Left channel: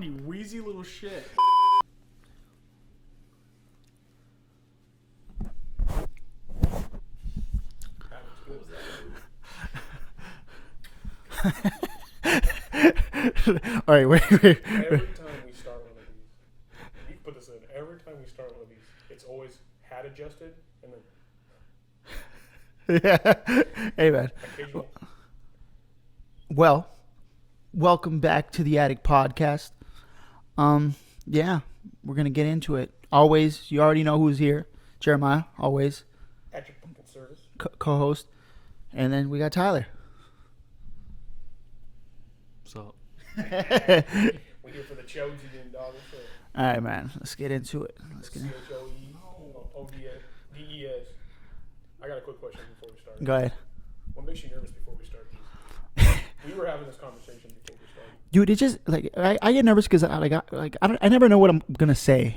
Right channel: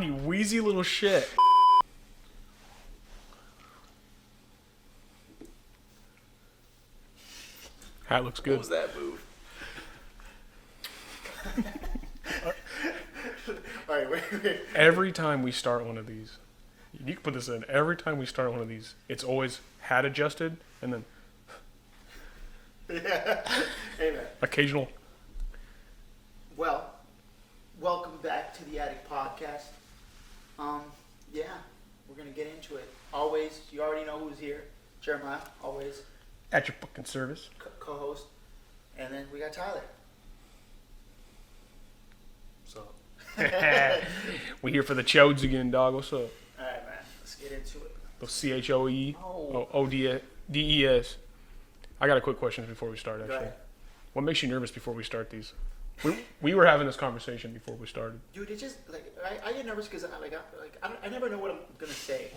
You wheezy little shit. Hat looks good. What was that move? All right, wait. Every time we start one of these, you can put this in. Every time we start one of these, it's always hat adjusted and then Yeah. Hey, man. occasional. Well, welcome back to the Attic Podcast. Yeah, we're gonna get into it. Always, you already know who's here. Jeremiah, always At your fucking service. co-host, and then we got Tyler. So, We here for the chodes again, dog. What's up? All right, man. Let's get into it. CHOEODES. I got a quick question before we start. Go ahead, What makes you nervous before we start these? We were having this conversation before we started. dude. It just like I get nervous because I never know what I'm gonna say.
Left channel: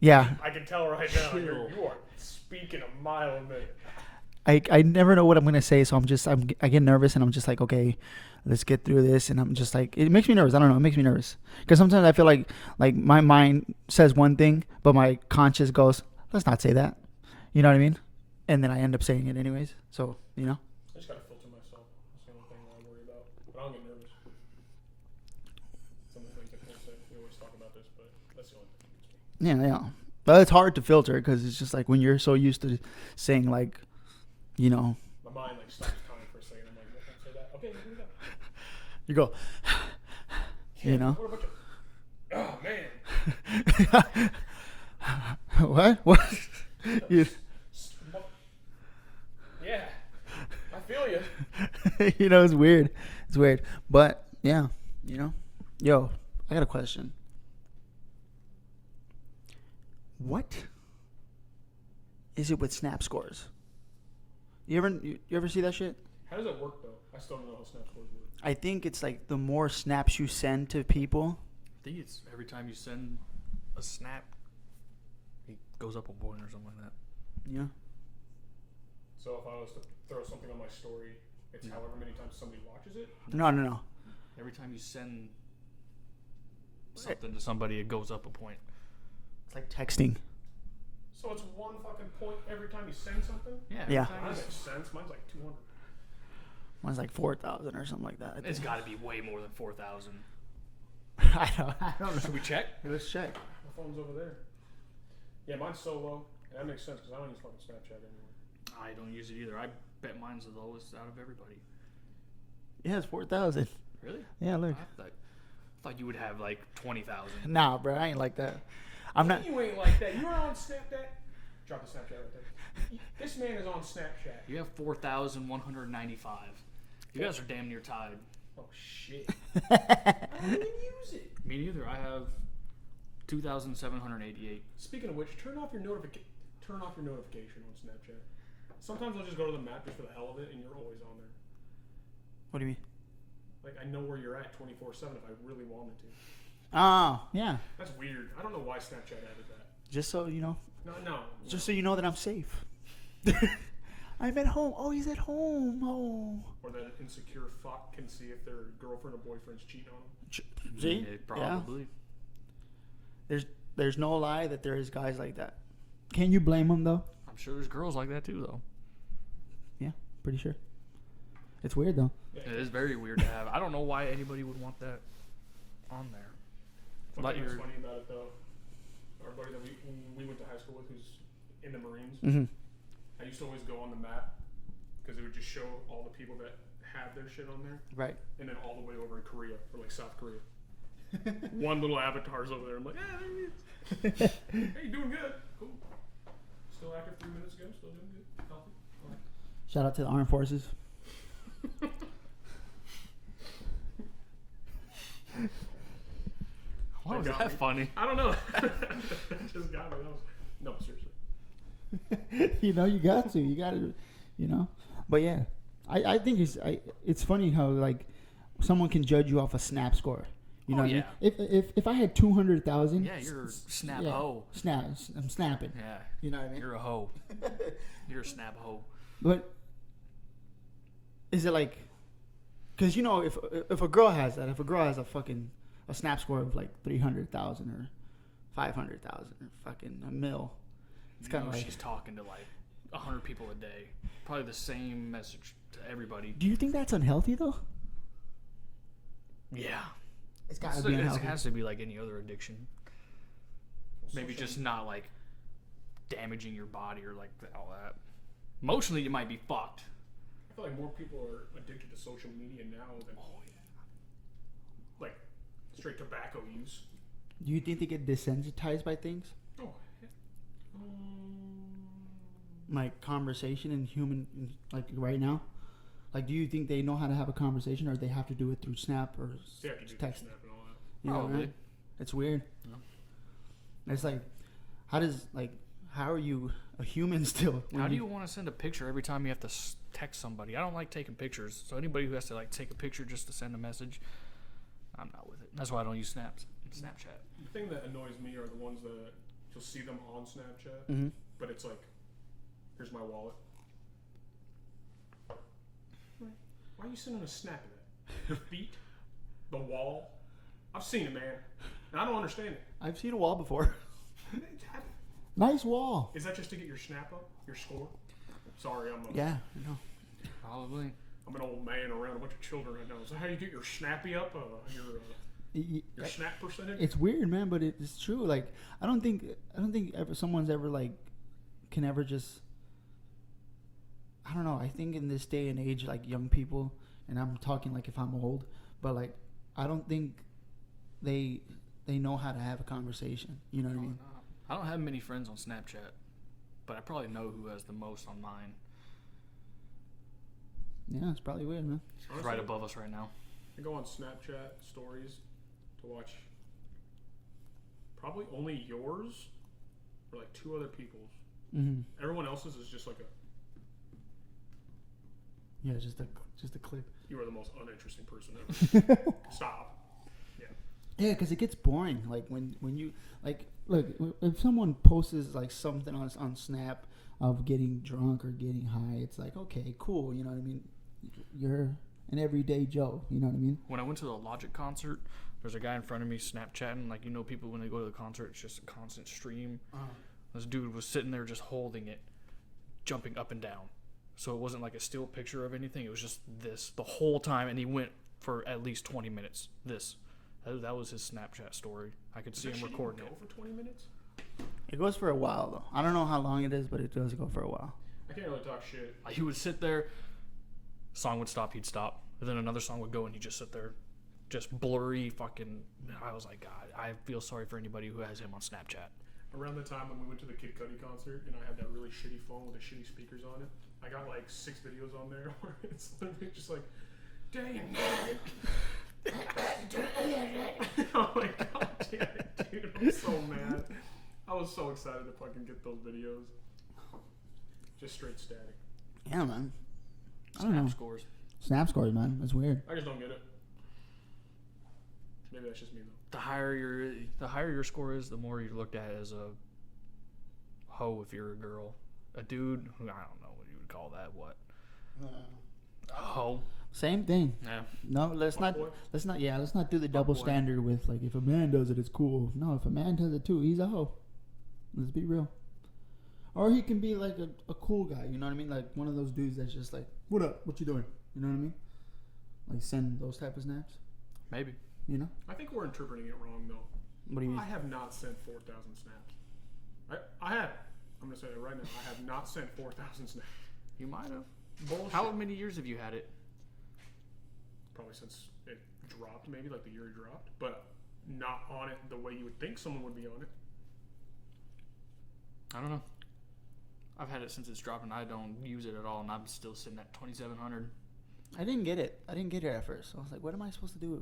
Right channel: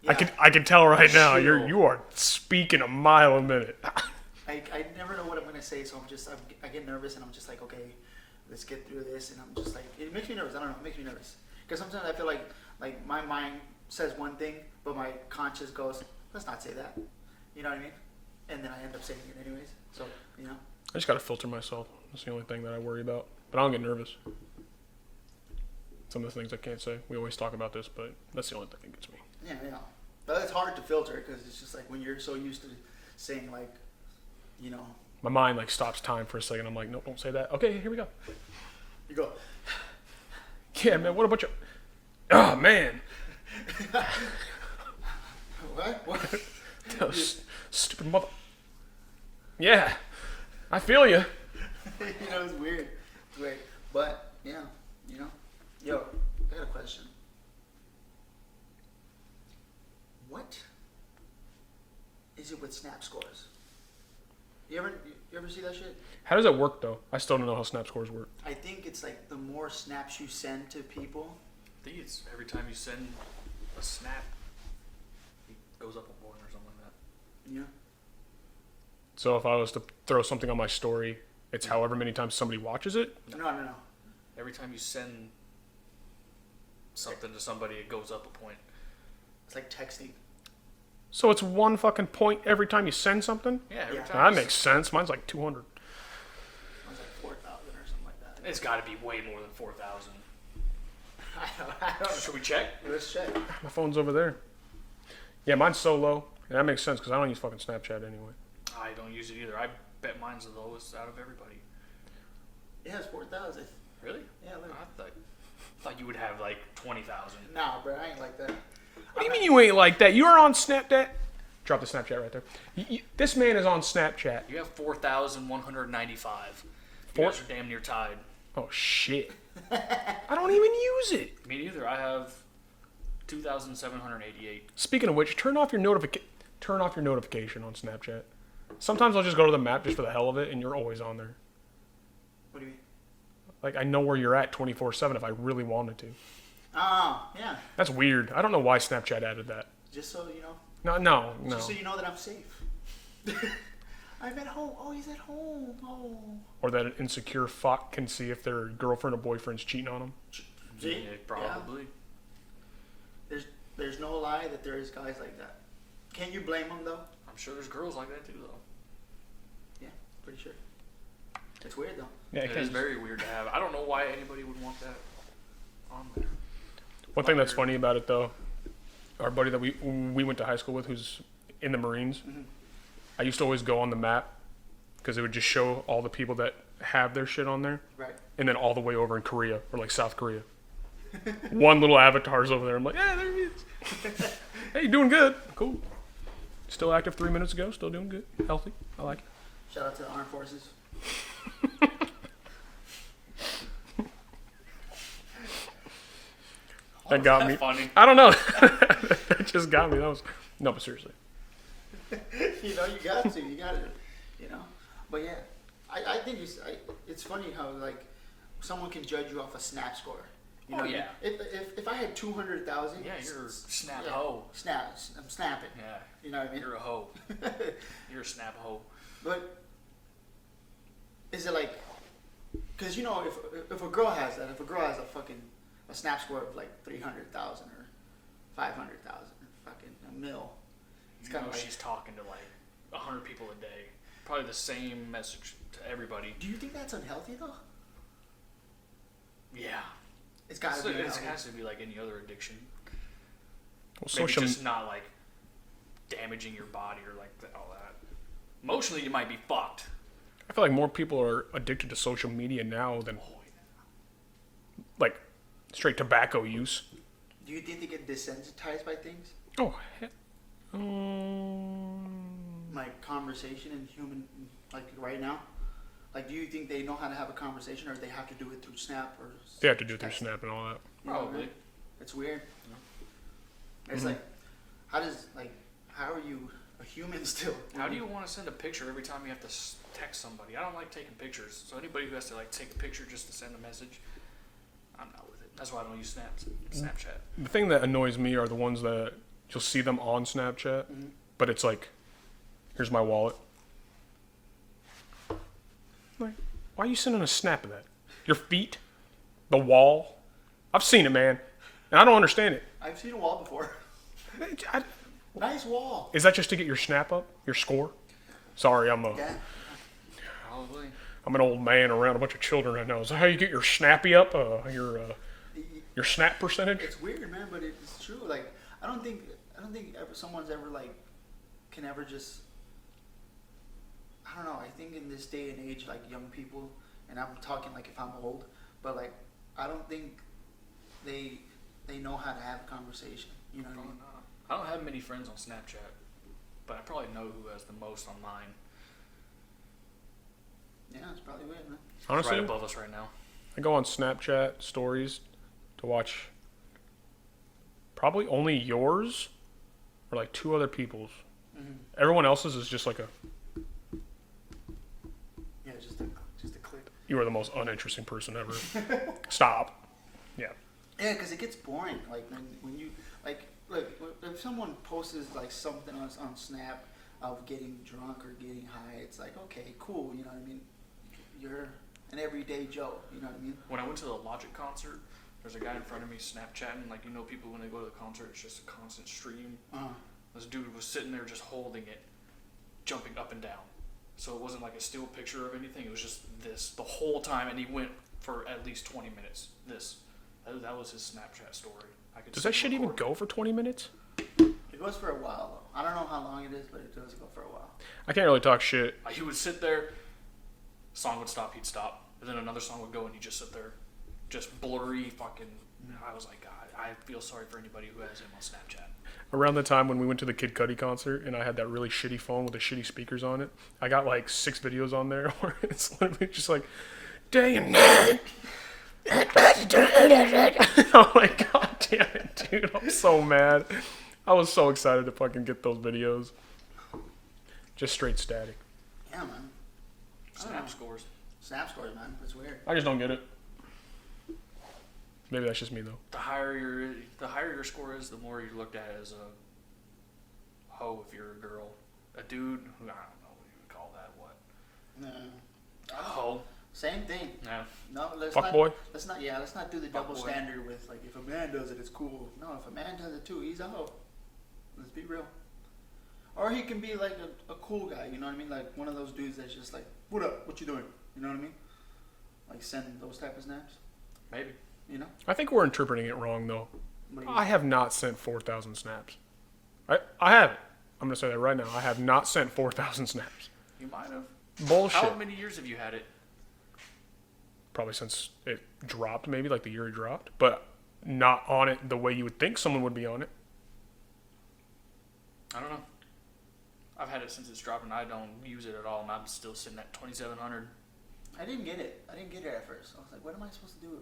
Yeah, I can tell right now you are speaking a mile a minute. I never know what I'm gonna say, so I get nervous and I'm just like, okay, let's get through this, and I'm just like, it makes me nervous. I don't know, it makes me nervous because sometimes I feel like my mind says one thing, but my conscience goes, let's not say that. You know what I mean? And then I end up saying it anyways. So I just gotta filter myself. That's the only thing that I worry about. But I don't get nervous. Some of the things I can't say. We always talk about this, but that's the only thing that gets me. yeah. But it's hard to filter because it's just like when you're so used to saying like, My mind stops time for a second. I'm like, nope, don't say that. Okay, here we go. you go. Yeah, man. What about you? Oh man. What? Stupid mother. Yeah, I feel you. It's weird. It's weird. But yeah, yo, I got a question. What is it with snap scores? You ever see that shit? How does that work though? I still don't know how snap scores work. I think it's like the more snaps you send to people. I think it's every time you send a snap, it goes up a point or something like that. Yeah. So if I was to throw something on my story, it's however many times somebody watches it. No. Every time you send something to somebody, it goes up a point. It's like texting. So it's one fucking point every time you send something? Yeah. Yeah. That makes sense. Mine's like 200. Mine's like 4,000 or something like that. It's got to be way more than 4,000. I don't know. Should we check? Let's check. My phone's over there. Yeah, mine's so low. Yeah, that makes sense because I don't use fucking Snapchat anyway. I don't use it either. I bet mine's the lowest out of everybody. Yeah, it's 4,000. Really? Yeah, look. I thought you would have like 20,000. Nah, bro, I ain't like that. What do you mean you ain't like that? You're on Snapchat. Drop the Snapchat right there. This man is on Snapchat. You have 4,195. You guys are damn near tied. Oh, shit. I don't even use it. Me neither. I have 2,788. Speaking of which, turn off your notification on Snapchat. Sometimes I'll just go to the map just for the hell of it, and you're always on there. What do you mean? Like, I know where you're at 24/7 if I really wanted to. Oh, yeah. That's weird. I don't know why Snapchat added that. Just so you know. No. Just so you know that I'm safe. I'm at home. Oh, he's at home. Oh. Or that an insecure fuck can see if their girlfriend or boyfriend's cheating on them. See? Yeah, probably. There's no lie that there is guys like that. Can you blame them though? I'm sure there's girls like that too, though. Yeah, pretty sure. It's weird though. Yeah, It is very weird to have. I don't know why anybody would want that on there. One thing that's funny about it though, our buddy that we went to high school with, who's in the Marines, I used to always go on the map because it would just show all the people that have their shit on there, Right. and then all the way over in Korea or like South Korea. One little avatar's over there. I'm like, yeah, there he is. Hey, you doing good? Cool. Still active 3 minutes ago. Still doing good. Healthy. I like it. Shout out to the armed forces. That got me. Funny. I don't know. That just got me. That was no, but seriously. You got to. But yeah, I think it's funny how like someone can judge you off a snap score. You know, yeah. If I had 200,000, Yeah, you're a snap yeah, hoe. I'm snapping. Yeah. You know what I mean? You're a hoe. You're a snap hoe. But is it like, because if a girl has that, if a girl has a fucking a snap score of like 300,000 or 500,000 or fucking a mil. It's kind of like she's talking to like 100 people a day, probably the same message to everybody. Do you think that's unhealthy though? Yeah, It's gotta be It unhealthy. has to be like any other addiction. Well, Maybe social just not like damaging your body or like all that. Emotionally, you might be fucked. I feel like more people are addicted to social media now than like straight tobacco use. Do you think they get desensitized by things? Oh, Like conversation and human, like right now? Like, do you think they know how to have a conversation, or they have to do it through Snap or? they have to do it through text? Snap and all that. You know, Probably. man? It's weird. It's like, how are you a human still? How do you want to send a picture every time you have to text somebody? I don't like taking pictures. So anybody who has to like take a picture just to send a message, I'm not with it. That's why I don't use Snapchat. The thing that annoys me are the ones that you'll see them on Snapchat, Mm-hmm. but it's like, here's my wallet. Like, why are you sending a snap of that? Your feet? The wall? I've seen it, man. And I don't understand it. I've seen a wall before. I- Nice wall. is that just to get your snap up? Your score? Sorry, I'm Yeah. Probably. I'm an old man around a bunch of children right now. Is that how you get your snappy up? Your snap percentage? It's weird, man, but it's true. Like, I don't think someone's ever like can ever just. I don't know. I think in this day and age, like young people, and I'm talking like if I'm old, but like I don't think they know how to have a conversation. You know what I mean? I don't have many friends on Snapchat, but I probably know who has the most on mine. Yeah, it's probably weird, man. Honestly, Right above us right now. I go on Snapchat stories to watch probably only yours or like two other people's. Mm-hmm. Everyone else's is just like a, Yeah, just a click. you are the most uninteresting person ever. Stop. Yeah. Yeah, because it gets boring. Like when you like look if someone posts like something on Snap of getting drunk or getting high, it's like okay, cool. You know what I mean? You're an everyday Joe. You know what I mean? When I went to the Logic concert, there's a guy in front of me Snapchatting. Like, you know, people when they go to the concert, it's just a constant stream. This dude was sitting there just holding it, jumping up and down. So it wasn't like a still picture of anything. It was just this the whole time, and he went for at least 20 minutes. That was his Snapchat story. I could. Does see that him shit even record. go for 20 minutes? It goes for a while though. I don't know how long it is, but it does go for a while. I can't really talk shit. He would sit there. Song would stop. He'd stop. And then another song would go, and he'd just sit there, just blurry fucking. I was like, God, I feel sorry for anybody who has him on Snapchat. Around the time when we went to the Kid Cudi concert and I had that really shitty phone with the shitty speakers on it, I got like 6 videos on there where it's literally just like, day and night. I'm like, God damn it, dude. I'm so mad. I was so excited to fucking get those videos. Just straight static. Yeah, man. I don't know. Snap scores. Snap scores, man. That's weird. I just don't get it. Maybe that's just me though. The higher your score is, the more you're looked at as a hoe if you're a girl. A dude, I don't know what you would call that. What? A hoe. Same thing. Yeah. No, let's Fuck not. boy. Let's not do the double boy. standard with like if a man does it, it's cool. No, if a man does it too, he's a hoe. Let's be real. Or he can be like a cool guy. You know what I mean? Like one of those dudes that's just like, "What up? What you doing?" You know what I mean? Like send those type of snaps. Maybe. You know? I think we're interpreting it wrong though. What do you I mean? have not sent 4,000 snaps. I haven't. I'm gonna say that right now. I have not sent 4,000 snaps. You might have. Bullshit. How many years have you had it? Probably since it dropped, maybe like the year it dropped, but not on it the way you would think someone would be on it. I don't know. I've had it since it's dropped, and I don't use it at all, and I'm still sitting at 2,700. I didn't get it. I didn't get it at first. I was like, "What am I supposed to do?"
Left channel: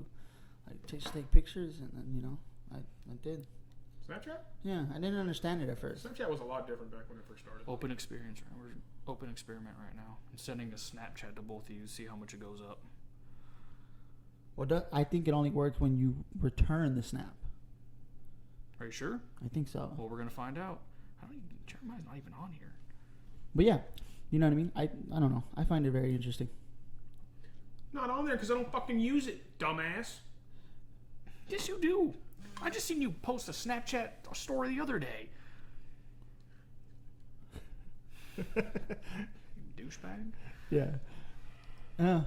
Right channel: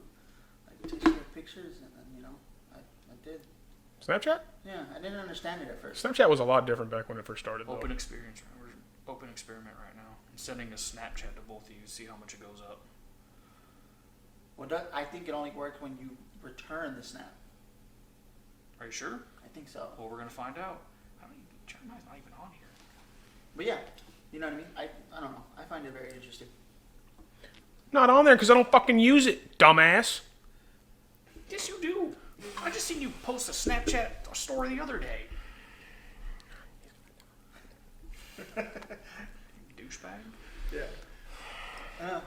Like take pictures, and then I did. Snapchat? Yeah, I didn't understand it at first. Snapchat was a lot different back when it first started. Though. Open experience. Open experiment right now. I'm sending a Snapchat to both of you. See how much it goes up. Well, I think it only works when you return the snap. Are you sure? I think so. Well, we're gonna find out. I mean, Jeremiah's not even on here. But yeah, you know what I mean? I don't know. I find it very interesting. Not on there because I don't fucking use it, dumbass. Yes, you do. I just seen you post a Snapchat story the other day. Douchebag. Yeah.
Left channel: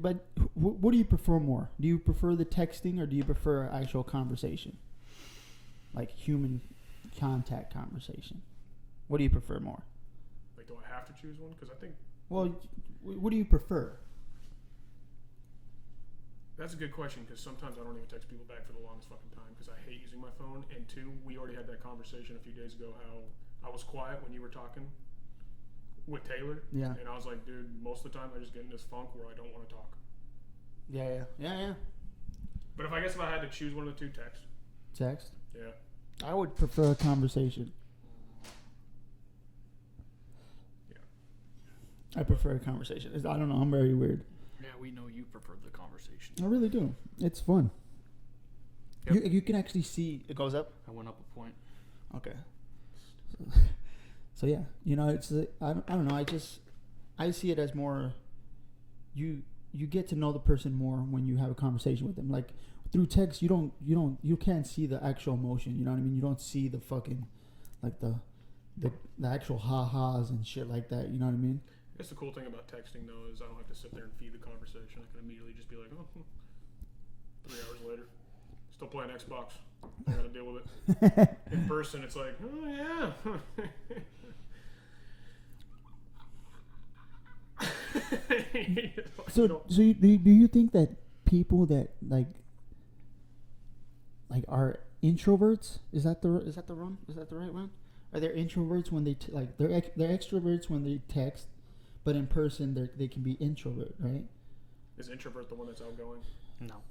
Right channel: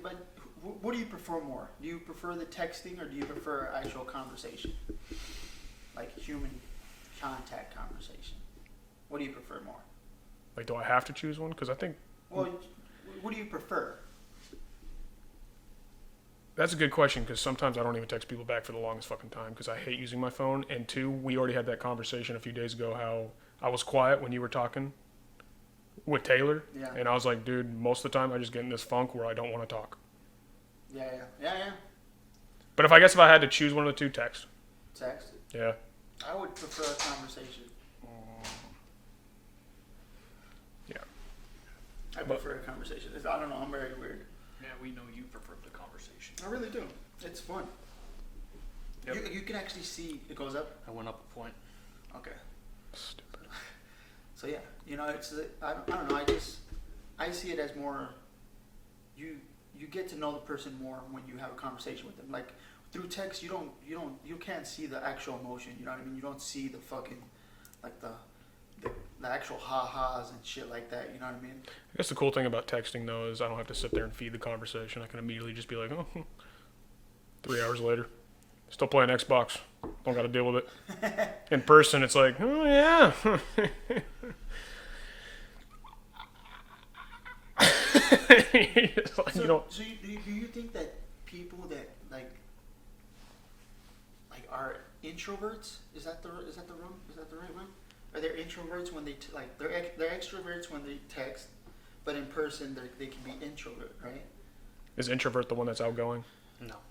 But what do you prefer more? Do you prefer the texting or do you prefer actual conversation? Like human contact conversation. What do you prefer more? Like, do I have to choose one? Because I think... Well, what do you prefer? That's a good question, because sometimes I don't even text people back for the longest fucking time because I hate using my phone. And two, we already had that conversation a few days ago how I was quiet when you were talking with Taylor. Yeah. And I was like, dude, most of the time I just get in this funk where I don't want to talk. Yeah. But if I had to choose one of the two, text. Text? Yeah. I would prefer a conversation. Yeah. I prefer a conversation. I don't know. I'm very weird. Yeah, we know you prefer the conversation. I really do. It's fun. Yep. You can actually see it goes up. I went up a point. Okay. Stupid. So yeah, it's I don't know. I see it as more. You get to know the person more when you have a conversation with them. Like through text, you can't see the actual emotion. You know what I mean? You don't see the fucking like the actual ha-has and shit like that. You know what I mean? I guess the cool thing about texting, though, is I don't have to sit there and feed the conversation. I can immediately just be like, oh, 3 hours later, still playing Xbox. Don't got to deal with it. In person, it's like, oh, yeah. Do you think that people that like are introverts, is that the right one? Are they introverts when they they're extroverts when they text, but in person they can be introvert, right? Is introvert the one that's outgoing?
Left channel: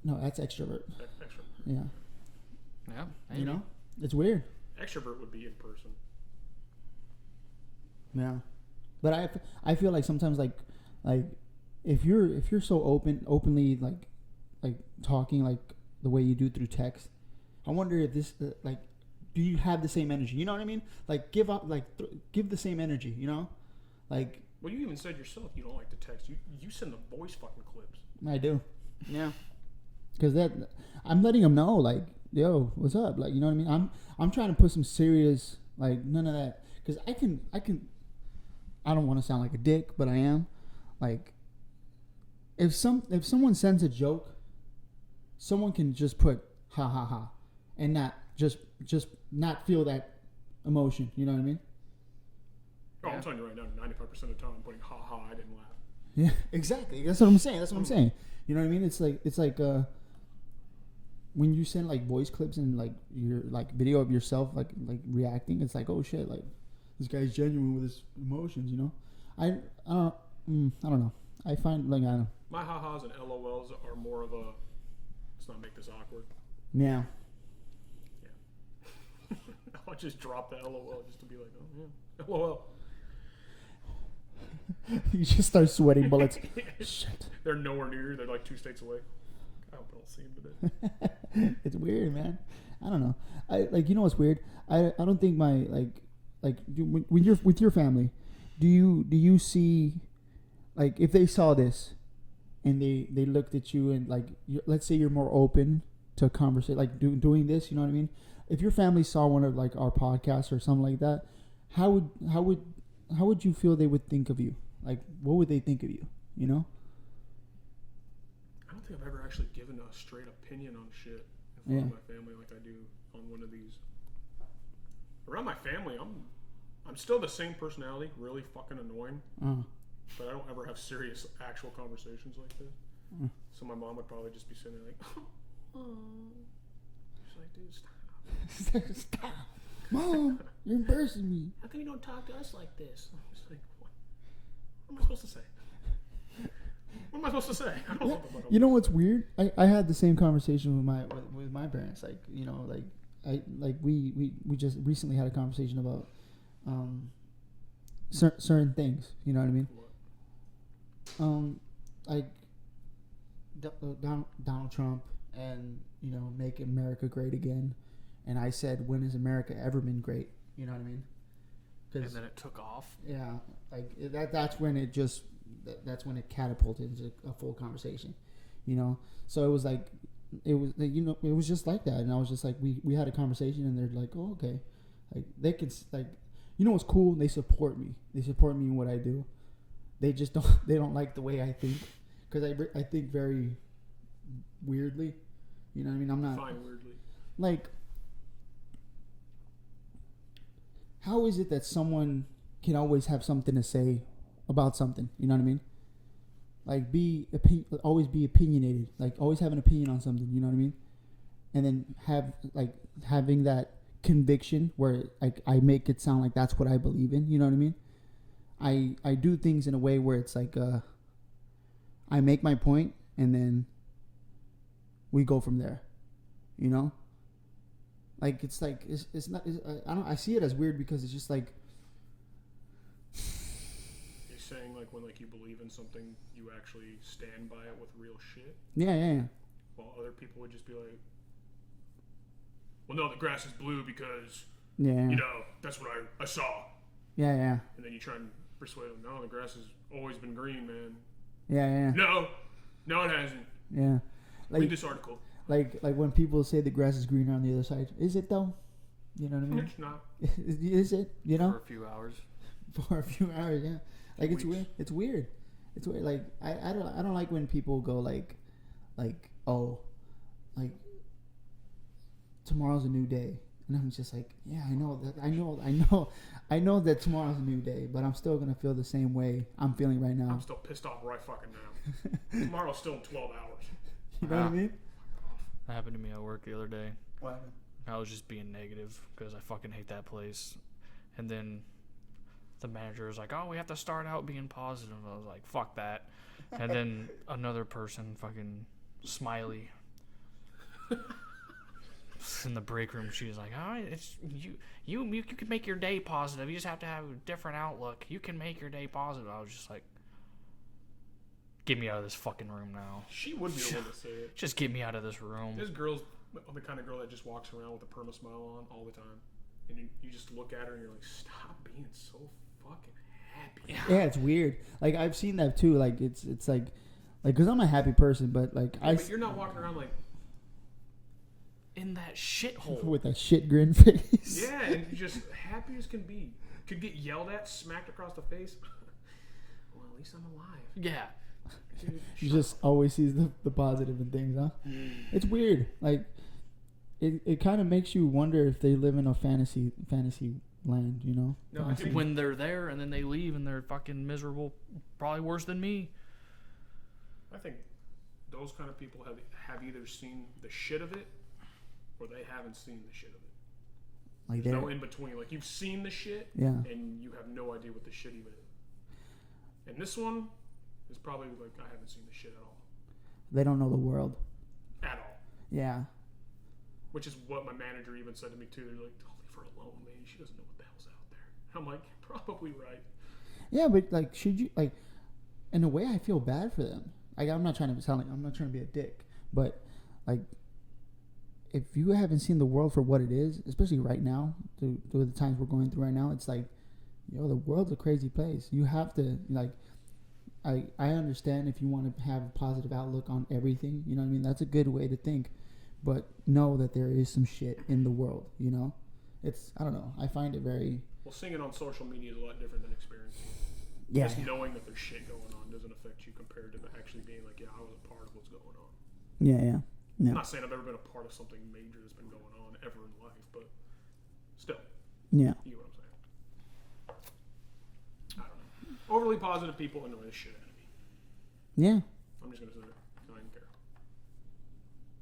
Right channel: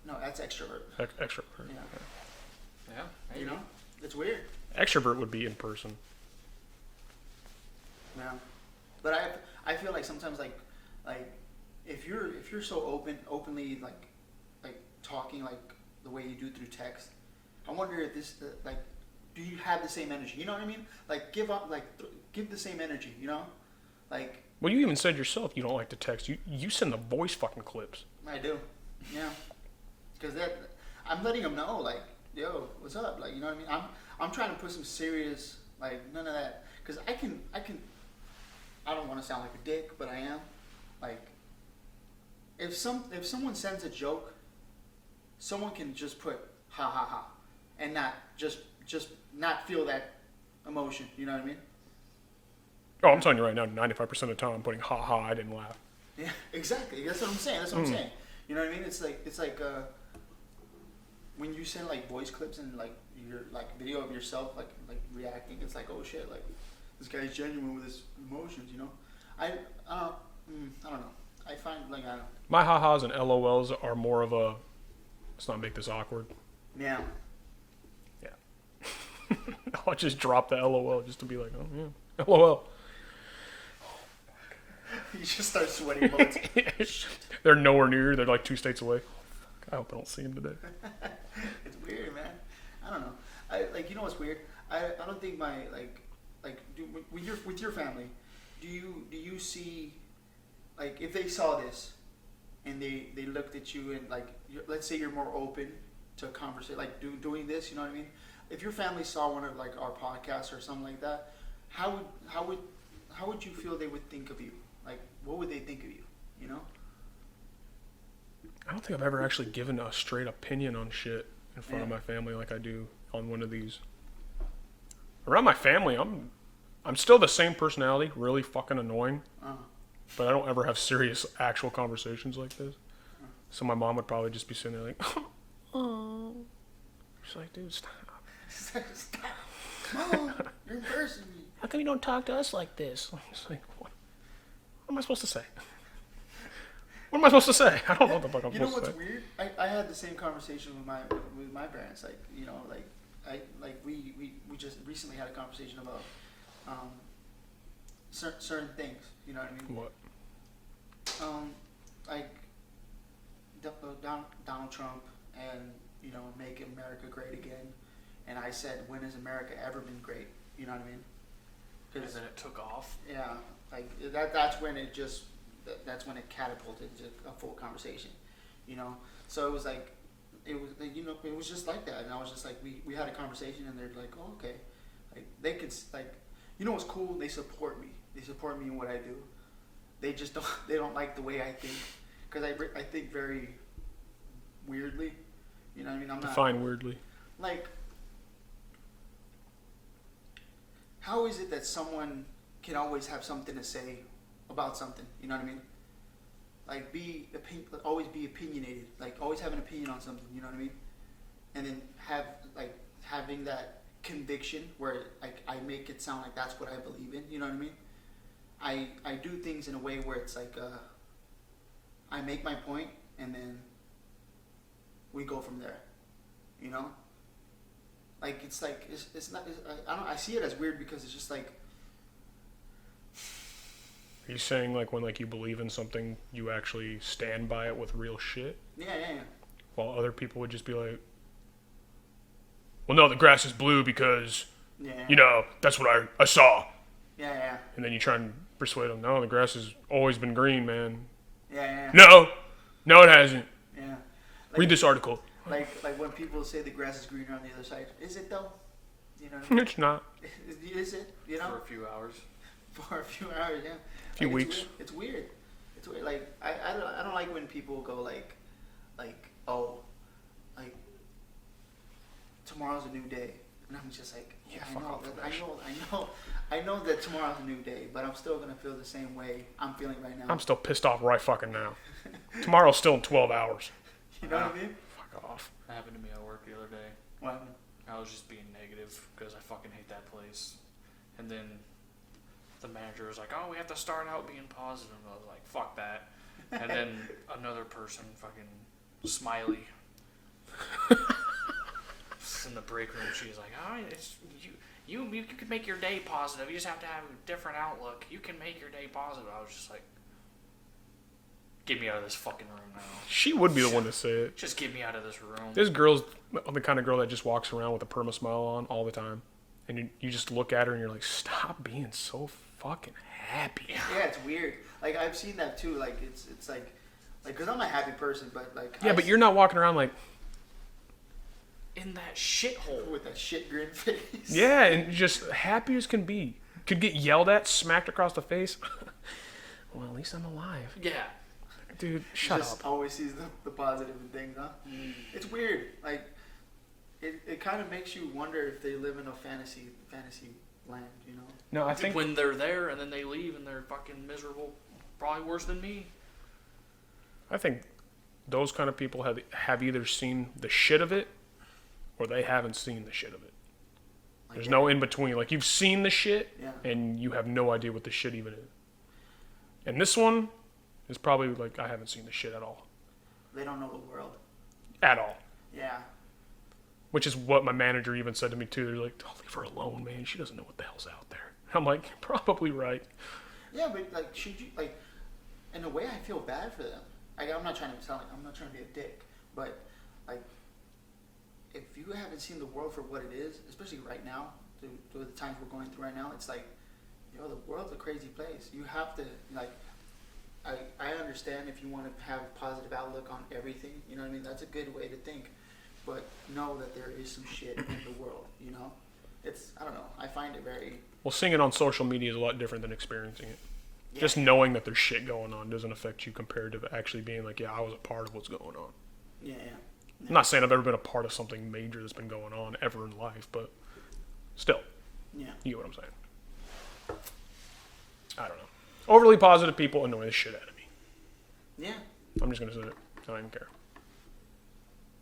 No, that's extrovert. Extrovert. Yeah. Yeah. You know, it's weird. Extrovert would be in person. Yeah, but I feel like sometimes like if you're so openly like talking like the way you do through text, I wonder if this like. Do you have the same energy? You know what I mean? Like give the same energy. You know, like. Well, you even said yourself you don't like to text. You send the voice fucking clips. I do. Yeah. Because I'm letting them know like, yo, what's up? Like, you know what I mean? I'm trying to put some serious like none of that. Because I can. I don't want to sound like a dick, but I am. Like, if someone sends a joke, someone can just put ha ha ha, and not just not feel that emotion. You know what I mean? Oh, I'm telling you right now, 95% of the time I'm putting ha ha, I didn't laugh. Yeah, exactly. That's what I'm saying. I'm saying. You know what I mean? It's like when you send like voice clips and like your like video of yourself like reacting, it's like, oh shit, like this guy's genuine with his emotions. You know? I don't know. I find like I don't know. My ha ha's and LOLs are more of a let's not make this awkward. Yeah. I'll just drop the LOL just to be like, oh yeah, LOL. You just start sweating bullets. They're nowhere near. They're like 2 states away. I hope I don't see them today. It's weird, man. I don't know. You know what's weird? I don't think my when you're with your family, do you see like if they saw this and they looked at you and like let's say you're more open to conversation like doing this, you know what I mean? If your family saw one of like our podcasts or something like that, how would you feel they would think of you? Like, what would they think of you? You know? I don't think I've ever actually given a straight opinion on shit in front of my family like I do on one of these. Around my family, I'm still the same personality, really fucking annoying. But I don't ever have serious actual conversations like this. So my mom would probably just be sitting there like, oh. She's like, dude, stop. Stop. Mom, you're embarrassing me. How come you don't talk to us like this? I'm just like, what am I supposed to say? What am I supposed to say? I don't know what the fuck I'm supposed to say. You know what's weird? I had the same conversation with my parents. Like, you know, we just recently had a conversation about certain things. You know what I mean? What? Like Donald Trump and, you know, make America great again. And I said, when has America ever been great? You know what I mean? And then it took off. Yeah, like that's when it catapulted into a full conversation, you know. So it was like it was, it was just like that, and I was just like, we had a conversation, and they're like, oh, okay, like they can like, what's cool? They support me. They support me in what I do. They just don't. They don't like the way I think, because I think very weirdly. You know what I mean? I'm not Define weirdly. like. How is it that someone can always have something to say about something? You know what I mean? Like always be opinionated. Like always have an opinion on something. You know what I mean? And then having that conviction where like I make it sound like that's what I believe in. You know what I mean? I do things in a way where it's like I make my point and then we go from there. You know? Like it's like it's not. I see it as weird because it's just like. Are you saying like when like you believe in something, you actually stand by it with real shit? Yeah. While other people would just be like, well, no, the grass is blue because, that's what I saw. Yeah. And then you try and persuade them, no, the grass has always been green, man. Yeah. No, it hasn't. Yeah. Like, read this article. Like when people say the grass is greener on the other side. Is it though? You know what I mean? It's not. Is it? You know? For a few hours. For a few hours, yeah. Few weeks. It's weird. It's weird. Like I don't like when people go like oh, like tomorrow's a new day, and I'm just like, yeah, I know that tomorrow's a new day, but I'm still gonna feel the same way I'm feeling right now. I'm still pissed off right fucking now. Tomorrow's still in 12 hours. You know what I mean? Fuck off. That happened to me at work the other day. What happened? I was just being negative because I fucking hate that place. And then the manager was like, oh, we have to start out being positive. I was like, fuck that. And then another person, fucking Smiley, in the break room, she was like, oh, it's you can make your day positive. You just have to have a different outlook. You can make your day positive. I was just like, get me out of this fucking room now. She would be the one to say it. Just get me out of this room. This girl's the kind of girl that just walks around with a perma smile on all the time. And you just look at her and you're like, stop being so fucking happy. Yeah, it's weird. Like, I've seen that too. Like, it's like, because I'm a happy person, but like... Yeah, but you're not walking around like... in that shithole. With that shit grin face. Yeah, and just happy as can be. Could get yelled at, smacked across the face. Well, at least I'm alive. Yeah. Dude, shut just up. always sees the positive in things, huh? It's weird. Like, it kind of makes you wonder if they live in a fantasy land, you know? No, I think when they're there and then they leave and they're fucking miserable, probably worse than me. I think those kind of people have either seen the shit of it or they haven't seen the shit of it. Like, There's no in between. Like, you've seen the shit and you have no idea what the shit even is. And this one is probably like, I haven't seen the shit at all. They don't know the world. At all. Yeah. Which is what my manager even said to me too. They're like, "Oh, leave her alone, man. She doesn't know what the hell's out there." I'm like, probably right. Yeah, but like, should you like? In a way, I feel bad for them. Like, I'm not trying to be a dick, but like, if you haven't seen the world for what it is, especially right now, through the times we're going through right now, it's like, the world's a crazy place. You have to like. I understand if you want to have a positive outlook on everything. You know what I mean? That's a good way to think. But know that there is some shit in the world, you know? I don't know. I find it very... Well, seeing it on social media is a lot different than experiencing it. Yeah. Just knowing that there's shit going on doesn't affect you compared to actually being like, yeah, I was a part of what's going on. Yeah. I'm not saying I've ever been a part of something major that's been going on ever in life, but still. Yeah. You get what I'm saying. I don't know. Overly positive people annoy the shit out of me. Yeah. I'm just going to say it. I don't even care.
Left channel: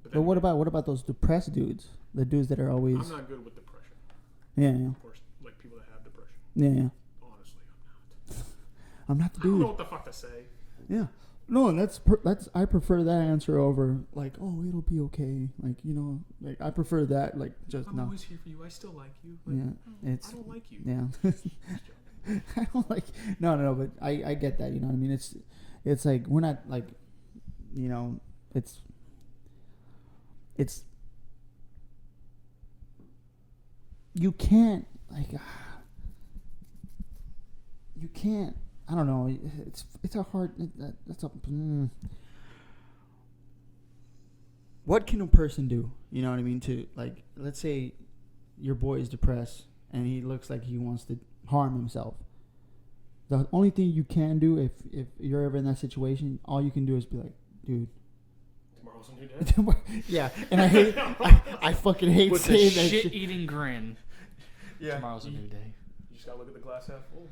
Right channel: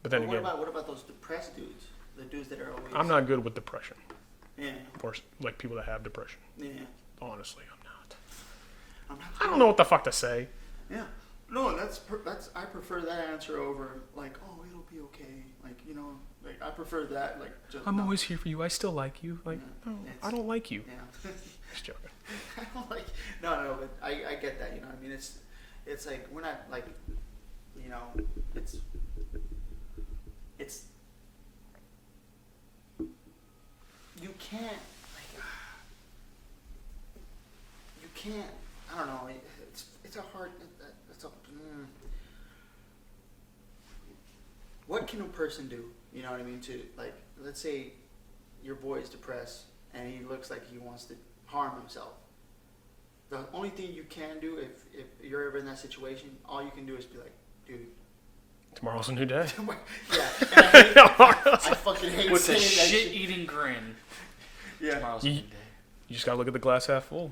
But what about those depressed dudes? The dudes that are always... I'm not good with depression. Yeah. Or like people that have depression. Yeah. Honestly, I'm not. I'm not. I don't know what the fuck to say. Yeah. No, that's I prefer that answer over like, oh, it'll be okay. Like, like I prefer that. Like, just I'm always here for you. I still like you. Like, yeah, I don't like you. Yeah. Just joking. I don't like. No, but I get that. You know what I mean? It's like we're not like, it's you can't like you can't. I don't know. It's a hard. That's a. what can a person do? You know what I mean? To like, let's say your boy is depressed and he looks like he wants to harm himself. The only thing you can do if you're ever in that situation, all you can do is be like, dude. Tomorrow's a new day. Yeah. And I fucking hate with saying a that shit. shit-eating grin. Yeah. Tomorrow's a new day. You just gotta look at the glass half full.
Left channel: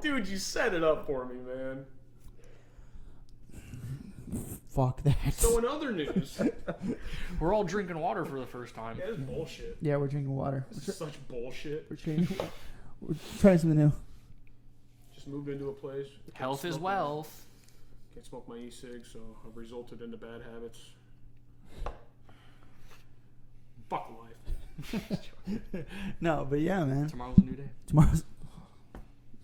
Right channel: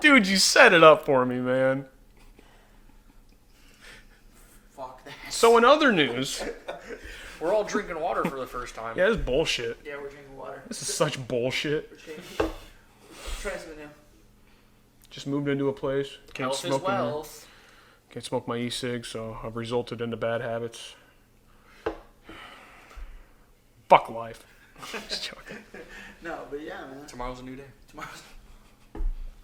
Dude, you set it up for me, man. Fuck that. So in other news, We're all drinking water for the first time. yeah, this is bullshit. Yeah, we're drinking water. This is such bullshit. We're trying something new. Just moved into a place. Health is wealth. Can't smoke my e-cig, so I've resulted into bad habits. Fuck life. Just joking. No, but yeah, man. Tomorrow's a new day. Tomorrow's.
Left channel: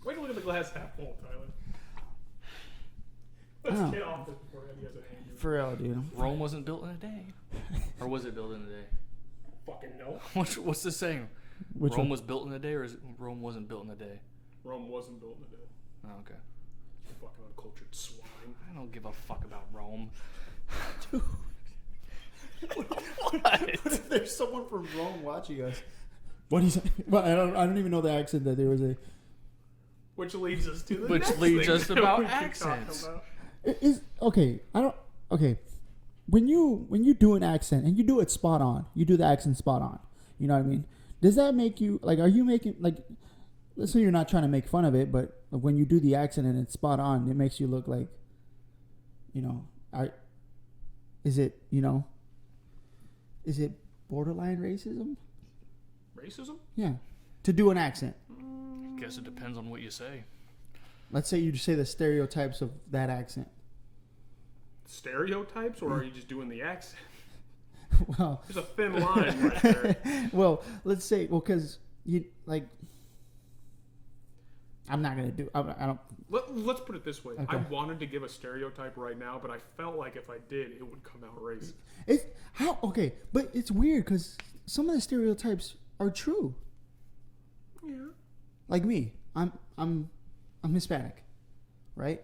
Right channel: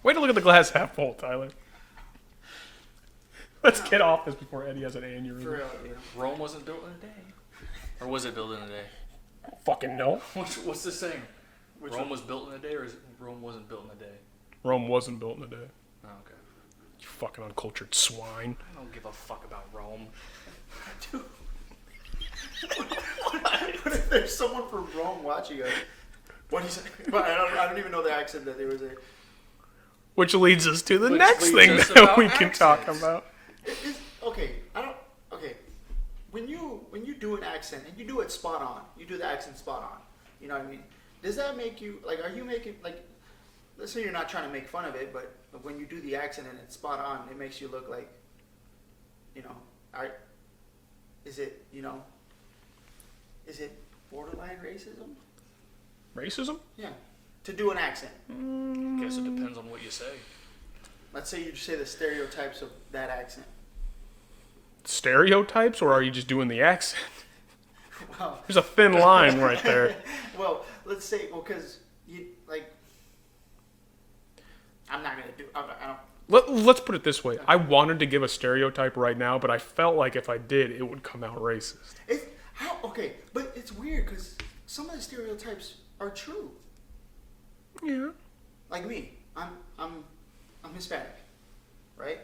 Way to look at the glass half full, Tyler. Let's get off this before Eddie has an aneurysm. For real, dude. Rome wasn't built in a day. Or was it built in a day? Fucking no. What's the saying? Which Rome one? was built in a day, or is it Rome wasn't built in a day? Rome wasn't built in a day. Oh, okay. You fucking uncultured swine. I don't give a fuck about Rome. What if there's someone from Rome watching us? What is? Well, I don't even know the accent that there was a. Which leads us to the Which next leads thing us that about we can talk accents. about. Okay. I don't. Okay. When you do an accent and you do it spot on, you do the accent spot on. You know what I mean? Does that make you like? Are you making like? Let's say you're not trying to make fun of it, but when you do the accent and it's spot on, it makes you look like. You know, is it Is it borderline racism? Racism? Yeah. To do an accent. I guess it depends on what you say. Let's say you say the stereotypes of that accent. Stereotypes, or are you just doing the accent? Well, There's a thin line right there. well, let's say, because you like. I'm not gonna do. I don't. Let's put it this way. Okay. I wanted to give a stereotype right now, but I felt like if I did, it would come out racist. It's how okay, but it's weird because some of the stereotypes are true. Yeah. Like me, I'm Hispanic, right?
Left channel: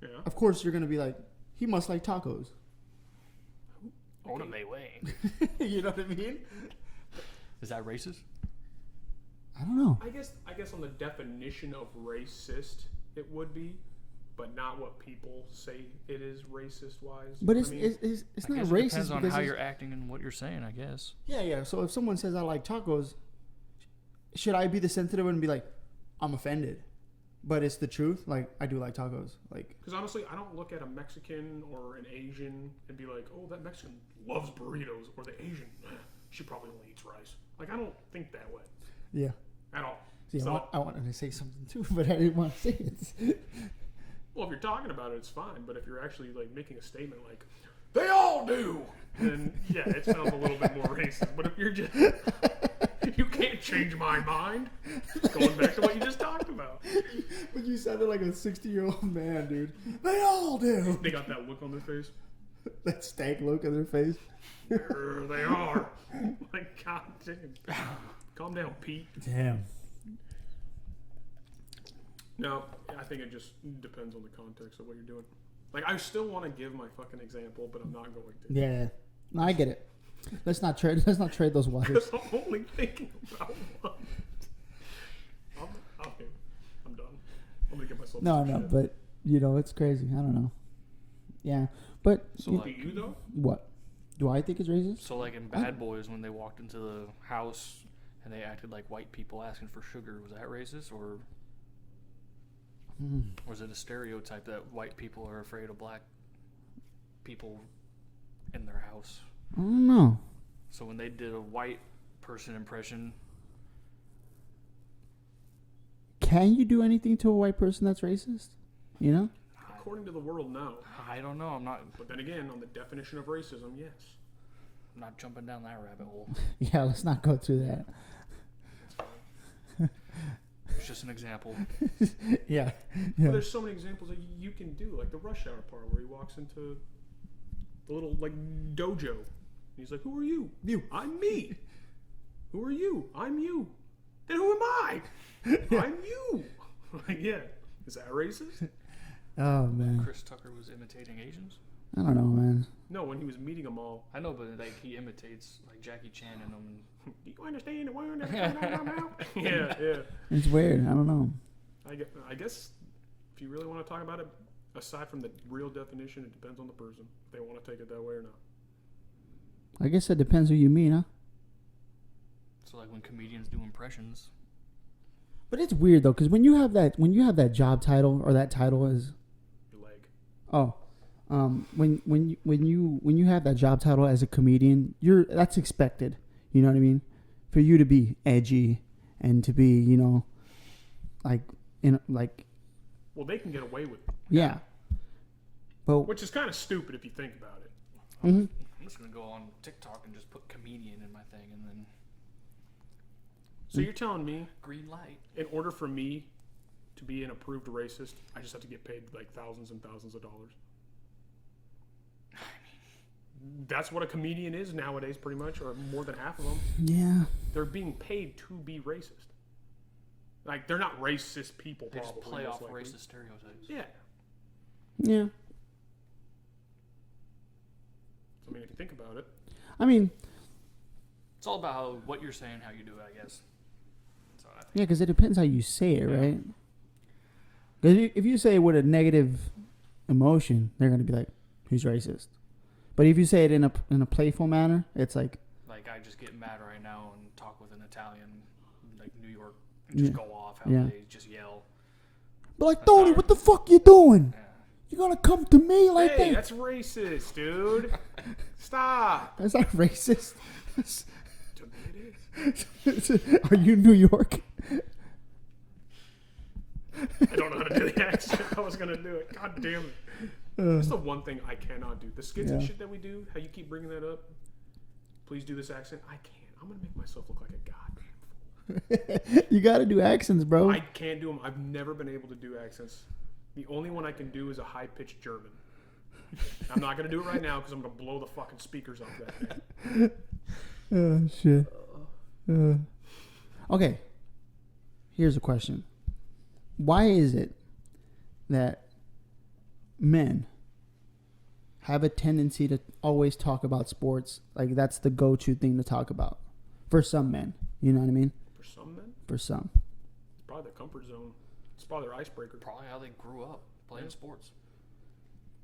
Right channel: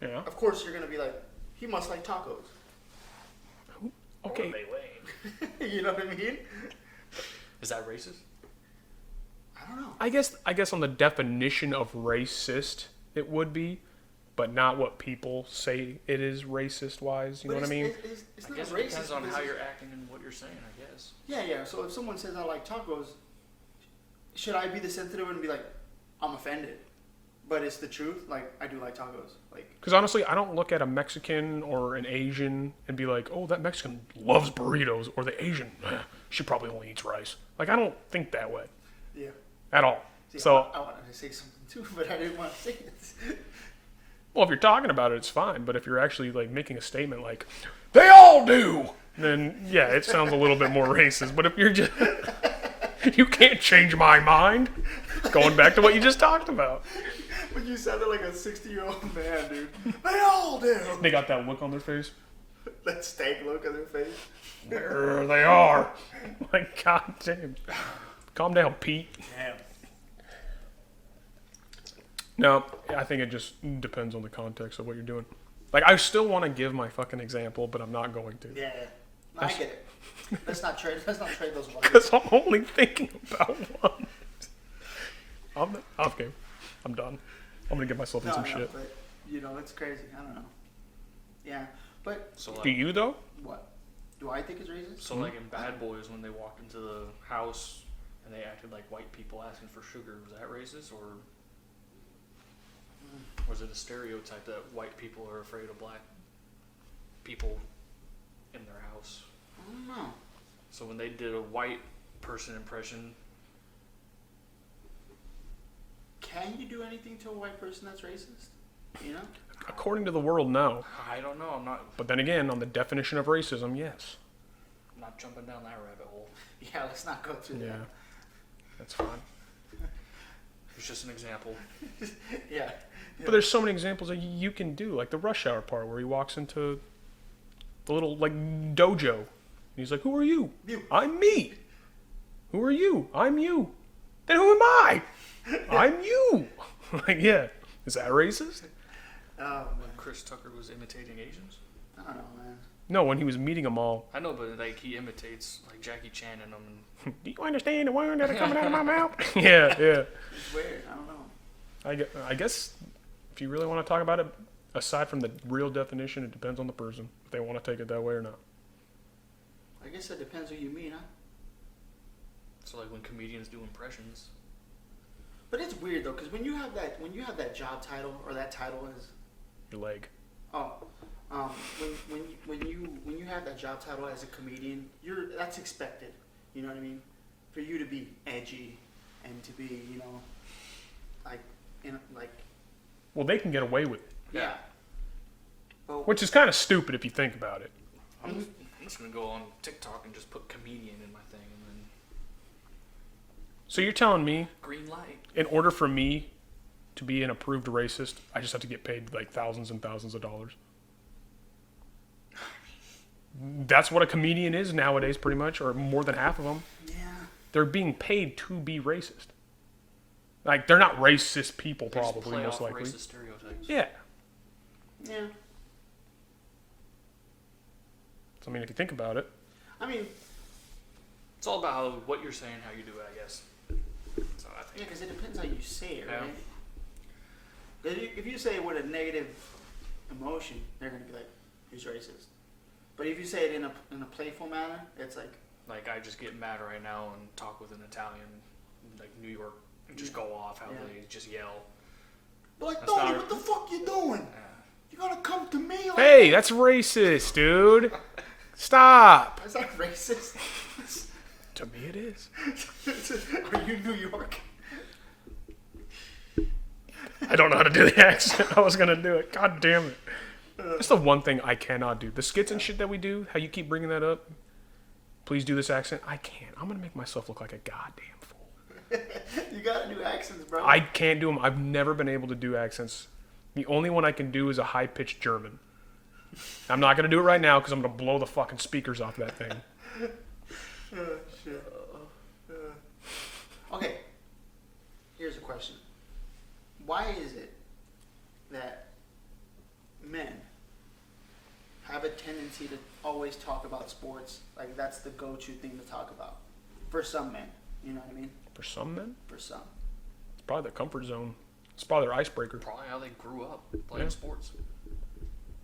Yeah. Of course, you're gonna be like, he must like tacos. Okay. You know what I mean? Is that racist? I don't know. I guess on the definition of racist, it would be, but not what people say it is racist wise. You know what I mean? It's not It racist depends on because how you're acting and what you're saying, I guess. yeah. So if someone says I like tacos, should I be the sensitive one and be like, I'm offended? But it's the truth. Like, I do like tacos. Like, Because honestly, I don't look at a Mexican or an Asian and be like, oh, that Mexican loves burritos, or the Asian, she probably only eats rice. Like, I don't think that way yeah. at all. See, So, I wanted to say something too, but I didn't want to say it. well, if you're talking about it, it's fine. But if you're actually like making a statement like, they all do, then yeah, it sounds a little bit more racist. But if you're just, you can't change my mind. Going back to what you just talked about. But you sounded like a 60-year-old man, dude. They all do. They got that look on their face. That stank look on their face. There they are. Like, god damn. Calm down, Pete. Damn. No, I think it just depends on the context of what you're doing. Like, I still want to give my fucking example, but I'm not going to. Yeah. No, I get it. Let's not trade those ones. Because I'm only thinking about one. Okay, I'm done. I'm going to get myself in some shit. But, it's crazy. I don't know. Yeah. But, Do you, though? what? Do I think it's racist? So, like in Bad Boys, when they walked into the house and they acted like white people asking for sugar, was that racist, or was it a stereotype that white people are afraid of black people in their house? I don't know. So when they did a white person impression, Can you do anything to a white person that's racist? According to the world, no. I don't know. I'm But then again, on the definition of racism, yes. not jumping down that rabbit hole. Yeah, let's not go through that. That's fine. It's just an example. Yeah. But there's so many examples that you can do, like the rush hour part where he walks into the little like dojo. And he's like, "Who are you? You. I'm me. Who are you? I'm you. Then who am I? I'm you." Like, yeah, is that racist? Oh man. Chris Tucker was imitating Asians. I don't know, man. No, when he was meeting them all. I know, but like he imitates like Jackie Chan in them. Do you understand the word that are coming out of my mouth? Yeah. It's weird. I don't know. I guess if you really want to talk about it, aside from the real definition, it depends on the person if they want to take it that way or not. I guess it depends who you mean, huh? So like when comedians do impressions. But it's weird though, because when you have that job title or that title is Your leg. when you have that job title as a comedian, that's expected. You know what I mean? For you to be edgy and to be, Well, they can get away with it. Yeah. But Which is kind of stupid if you think about it. I'm just gonna go on TikTok and just put comedian in my thing, and then So you're telling me, green light. in order for me to be an approved racist, I just have to get paid like thousands and thousands of dollars? That's what a comedian is nowadays, pretty much, or more than half of them. yeah. They're being paid to be racist. Like, they're not racist people, They just probably, play most off likely. racist stereotypes. Yeah. Yeah. So, I mean, if you think about it. I mean, It's all about what you're saying, how you do it, I guess. So I think yeah, because it depends how you say it, Yeah. right? Because if you say it with a negative emotion, they're gonna be like, "Who's racist?" But if you say it in a playful manner, it's like, I just get mad right now and talk with an Italian, like New York, and just Yeah. go off how Yeah. they just yell. "But like, That's Tony, not- what the fuck you doing? Yeah. You gonna come to me like Hey, that?" that's racist, dude. Stop. Is that racist? To me, it is. Are you New York? I don't know how to do the accent. I was going to do it. God damn it. That's the one thing I cannot do. The skits and shit that we do, how you keep bringing that up. Please do this accent. I can't. I'm going to make myself look like a goddamn fool. You gotta do accents, bro. I can't do them. I've never been able to do accents. The only one I can do is a high-pitched German. I'm not going to do it right now because I'm going to blow the fucking speakers off that thing. Oh, shit. Okay. Here's a question. Why is it that men have a tendency to always talk about sports? Like, that's the go-to thing to talk about. For some men. You know what I mean? For some men, For some. it's probably their comfort zone. It's probably their icebreaker. Probably how they grew up playing Yeah. sports.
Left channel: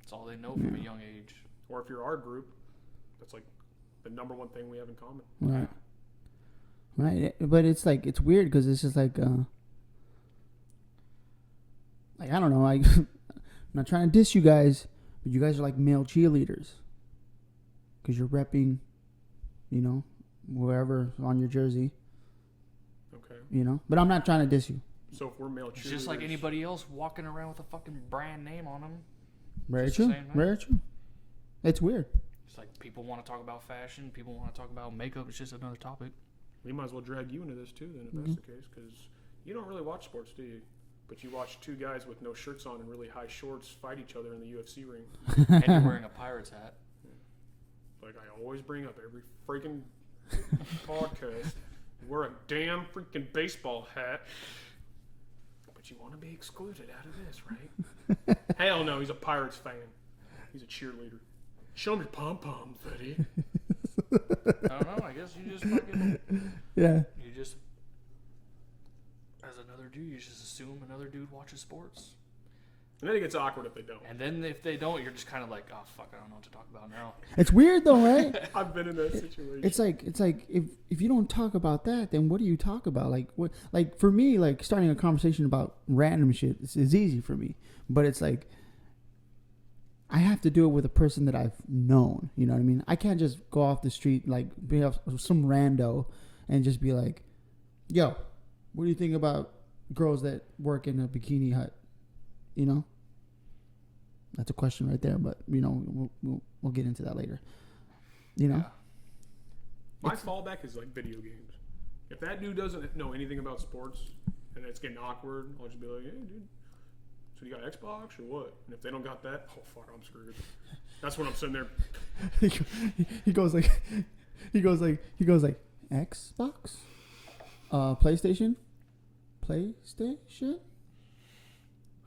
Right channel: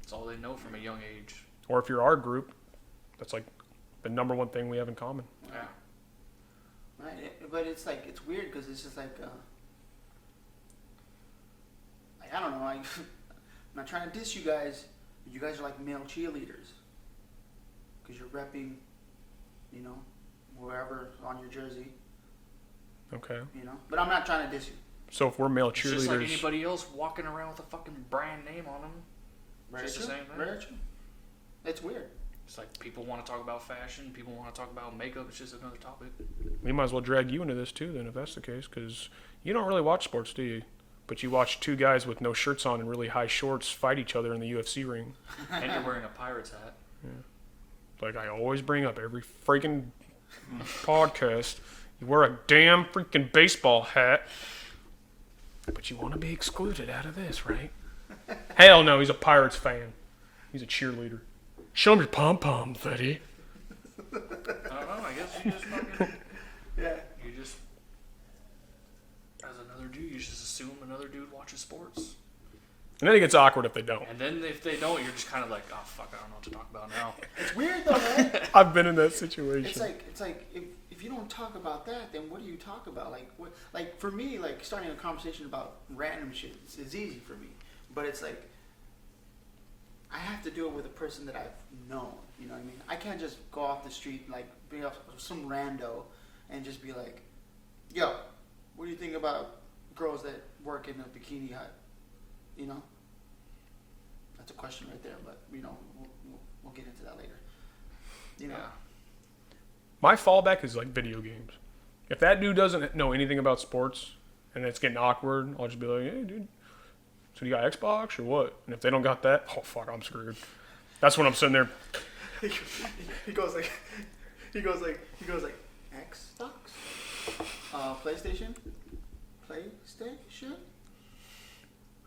That's all they know from a young age. Or if you're our group, that's like the number one thing we have in common. Right. Right. But it's like, it's weird because it's just like I don't know. I'm not trying to diss you guys, but you guys are like male cheerleaders. Because you're repping, wherever on your jersey, Okay. But I'm not trying to diss you. So if we're male It's just like cheerleaders, anybody else walking around with a fucking brand name on them. Very Just the true. same, man. Very true. It's weird. It's like people want to talk about fashion, people want to talk about makeup. It's just another topic. we might as well drag you into this too then, if that's the case, because you don't really watch sports, do you? But you watch two guys with no shirts on and really high shorts fight each other in the UFC ring. And you're wearing a Pirates hat. Like I always bring up every freaking podcast. You wear a damn freaking baseball hat, but you want to be excluded out of this, right? Hell no, he's a Pirates fan. He's a cheerleader. Show him your pom-poms, Eddie. I don't know. I guess you just fucking, Yeah. you just, as another dude, you just assume another dude watches sports. And then it gets awkward if they don't. And then if they don't, you're just kind of like, oh fuck, I don't know what to talk about now. It's weird though, right? I've been in that situation. It's like if you don't talk about that, then what do you talk about? Like for me, like starting a conversation about random shit is easy for me, but it's like I have to do it with a person that I've known. You know what I mean? I can't just go off the street like be off some rando and just be like, "Yo, what do you think about girls that work in a bikini hut?" You know? That's a question right there, but we'll get into that later. My fallback is like video games. If that dude doesn't know anything about sports and it's getting awkward, I'll just be like, "Hey, dude, so you got Xbox or what?" And if they don't got that, oh fuck, I'm screwed. That's when I'm sitting there. he goes like Xbox, PlayStation,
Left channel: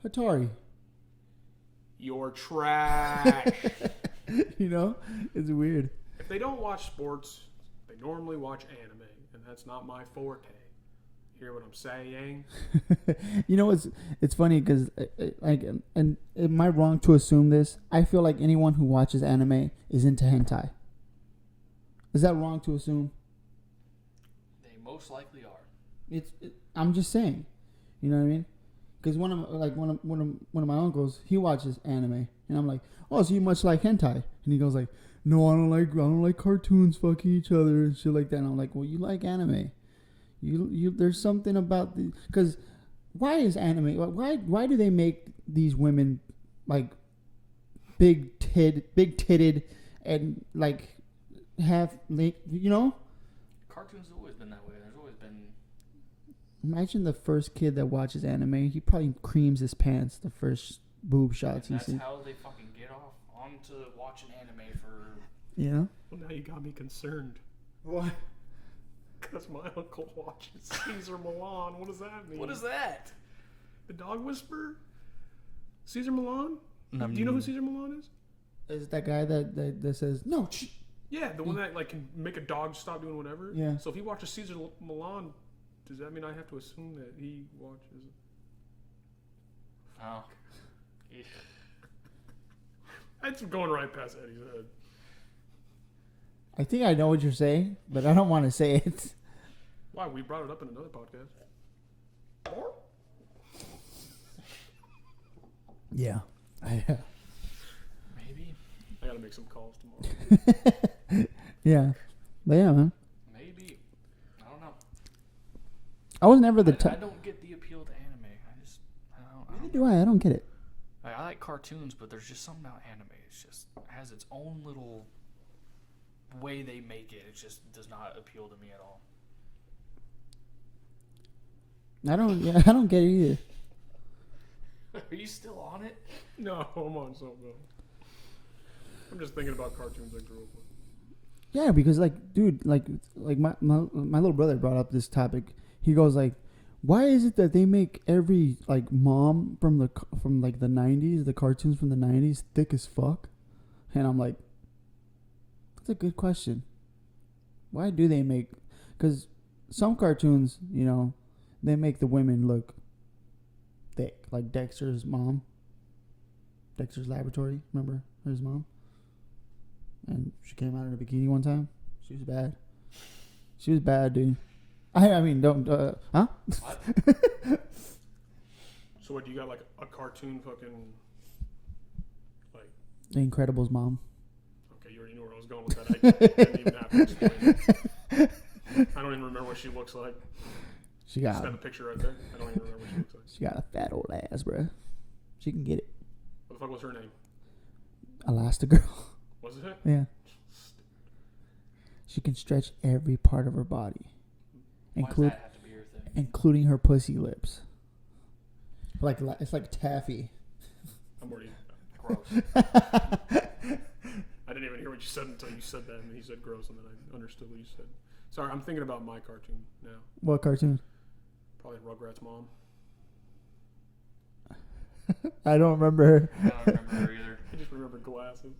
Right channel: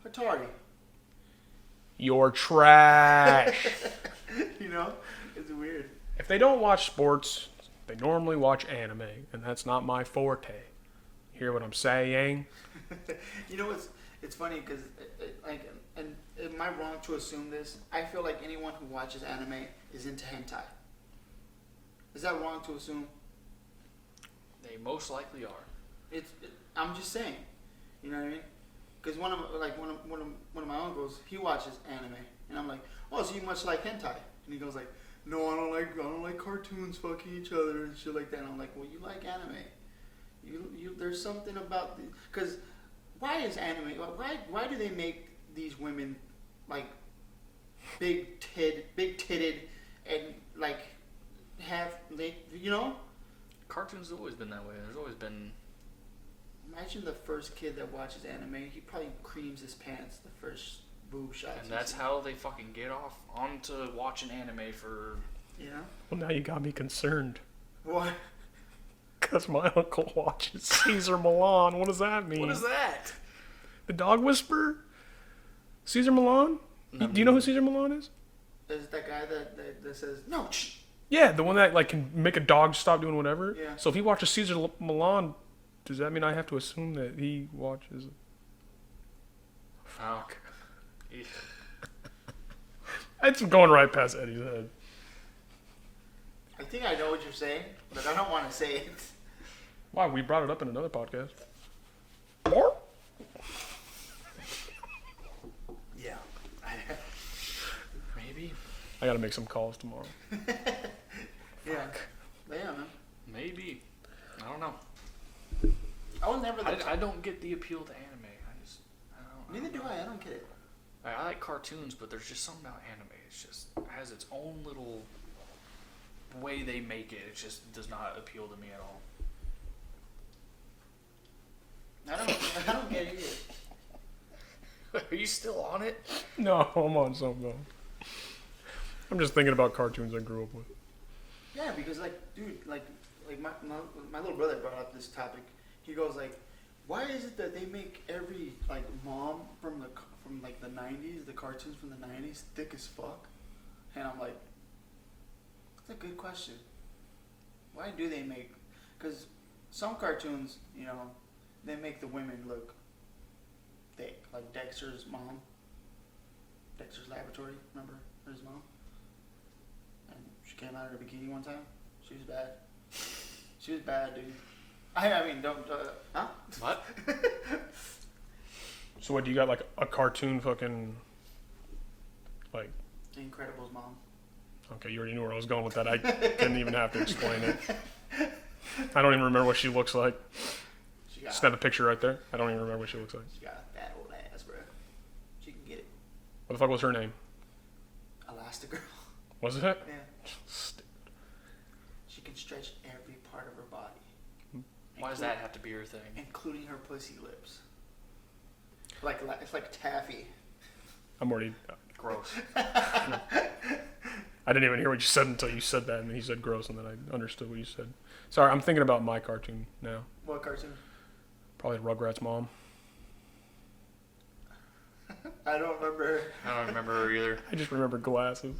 Atari. You're trash. You know, it's weird. If they don't watch sports, they normally watch anime, and that's not my forte. Hear what I'm saying? You know, it's funny because like, and am I wrong to assume this? I feel like anyone who watches anime is into hentai. Is that wrong to assume? They most likely are. I'm just saying, you know what I mean? Because one of my uncles, he watches anime, and I'm like, oh, so you much like hentai? And he goes like, no, I don't like cartoons fucking each other and shit like that. And I'm like, well, you like anime. You there's something about the, because why is anime, why do they make these women like big titted and like have, you know? Cartoons have always been that way. There's always been. Imagine the first kid that watches anime. He probably creams his pants the first boob shots. And that's how they fucking get off onto watching anime for. Yeah. Well, now you got me concerned. Why? Because my uncle watches Cesar Milan. What does that mean? What is that? The dog whisperer? Cesar Milan? Do you know who Cesar Milan is? Is that guy that says no? Shh. Yeah, the one that like can make a dog stop doing whatever. Yeah. So if he watches Cesar Milan, does that mean I have to assume that he watches? Fuck. It's going right past Eddie's head. I think I know what you're saying, but I don't want to say it. Why? We brought it up in another podcast. Yeah. Maybe. I gotta make some calls tomorrow. Yeah. But yeah, man. Maybe. I don't know. I was never the I type. don't get the appeal to anime. I don't know. Neither do I. I don't get it. I like cartoons, but there's just something about anime. It has its own little way they make it. It just does not appeal to me at all. I don't get it either. Are you still on it? No, I'm on something though. I'm just thinking about cartoons I grew up with. Yeah, because like, dude, like my little brother brought up this topic. He goes like, why is it that they make every like mom from like the 90s, the cartoons from the 90s, thick as fuck? And I'm like, that's a good question. Why do they make? Because some cartoons, you know, they make the women look thick, like Dexter's mom. Dexter's Laboratory, remember his mom? And she came out in a bikini one time. She was bad. She was bad, dude. I mean, don't, huh? What? So what, do you got like a cartoon fucking, like... The Incredibles mom. Okay, you already knew where I was going with that. I didn't even have to explain it. I don't even remember what she looks like. She got... Just have a picture right there. I don't even remember what she looks like. She got a fat old ass, bro. She can get it. What the fuck was her name? Elastigirl. Was it? Yeah. She can stretch every part of her body. Why does that have to be her thing? Including her pussy lips. Like, it's like taffy. I'm already... Gross. I didn't even hear what you said until you said that, and then you said gross, and then I understood what you said. Sorry, I'm thinking about my cartoon now. What cartoon? Probably Rugrats' mom. I don't remember her. I don't remember her either. I just remember glasses.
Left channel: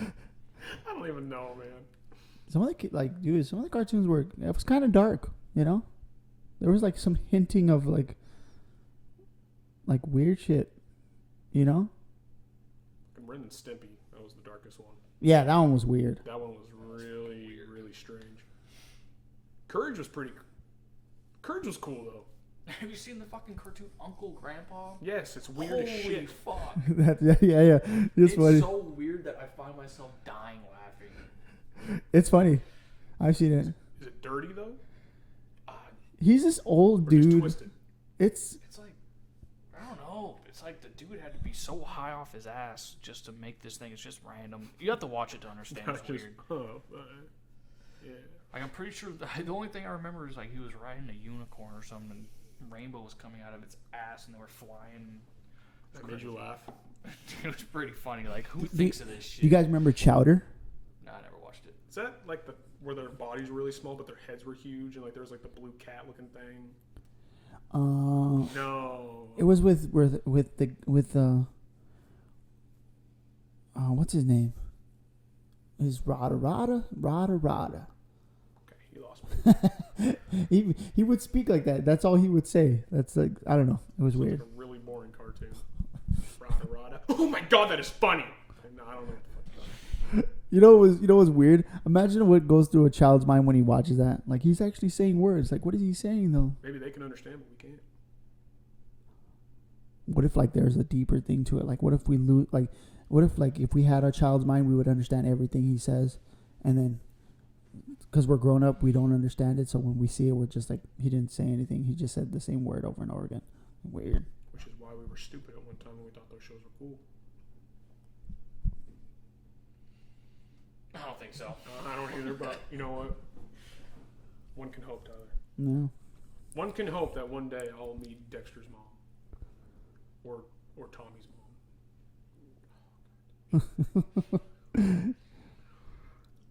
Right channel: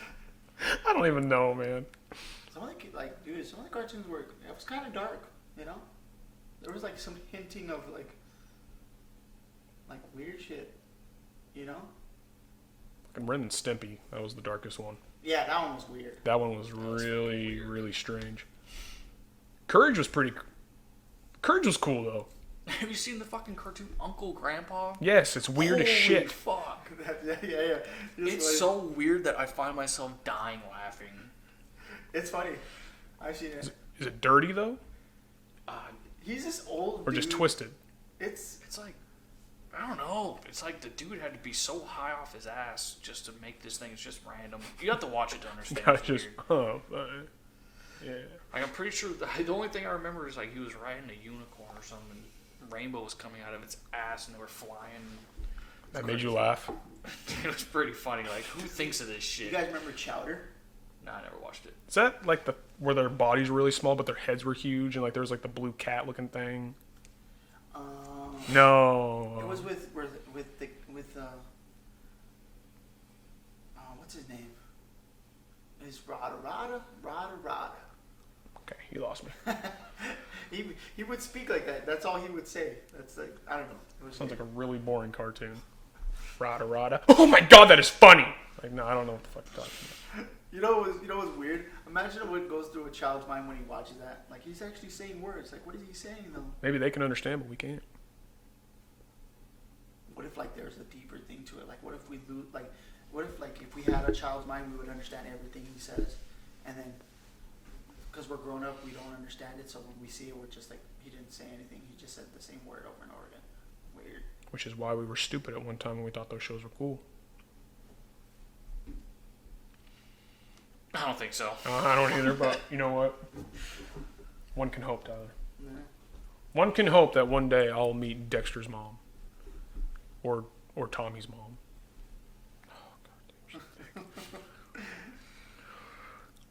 I don't even know, man. Some of the cartoons were, it was kind of dark, you know? There was like some hinting of like weird shit, you know? And Ren and Stimpy, that was the darkest one. Yeah, that one was weird. That one was really, really strange. Courage was cool, though. Have you seen the fucking cartoon Uncle Grandpa? Yes, it's weird as shit. Fuck. yeah. It's funny. so weird that I find myself dying laughing. It's funny. I've seen it. Is it dirty, though? He's this old Or dude. just twisted? It's like, I don't know. It's like the dude had to be so high off his ass just to make this thing. It's just random. You have to watch it to understand. Yeah, It's just, weird. yeah. Like, I'm pretty sure the only thing I remember is like he was riding a unicorn or something. And rainbow was coming out of its ass and they were flying. That made you laugh? It was pretty funny. Like, who thinks of this shit? You guys remember Chowder? No, I never watched it. Is that like where their bodies were really small but their heads were huge and like there was like the blue cat looking thing? No. No. It was with what's his name? Is Rada. Okay, you lost me. he would speak like that. That's all he would say. That's like, I don't know. It was Sounds weird. like a really boring cartoon. Rada. Oh my god, that is funny. Like, no, I don't know what the fuck you're talking about. You know what's weird? Imagine what goes through a child's mind when he watches that. Like, he's actually saying words. Like, what is he saying though? Maybe they can understand, but we can't. What if like there's a deeper thing to it? Like, what if we lose? Like, what if like if we had a child's mind, we would understand everything he says, and then because we're grown up, we don't understand it. So when we see it, we're just like, he didn't say anything. He just said the same word over and over again. Weird. Which is why we were stupid at one time when we thought those shows were cool. I don't think so. I don't either, but you know what? One can hope, Tyler. No. One can hope that one day I'll meet Dexter's mom. Or Tommy's mom. Oh, God.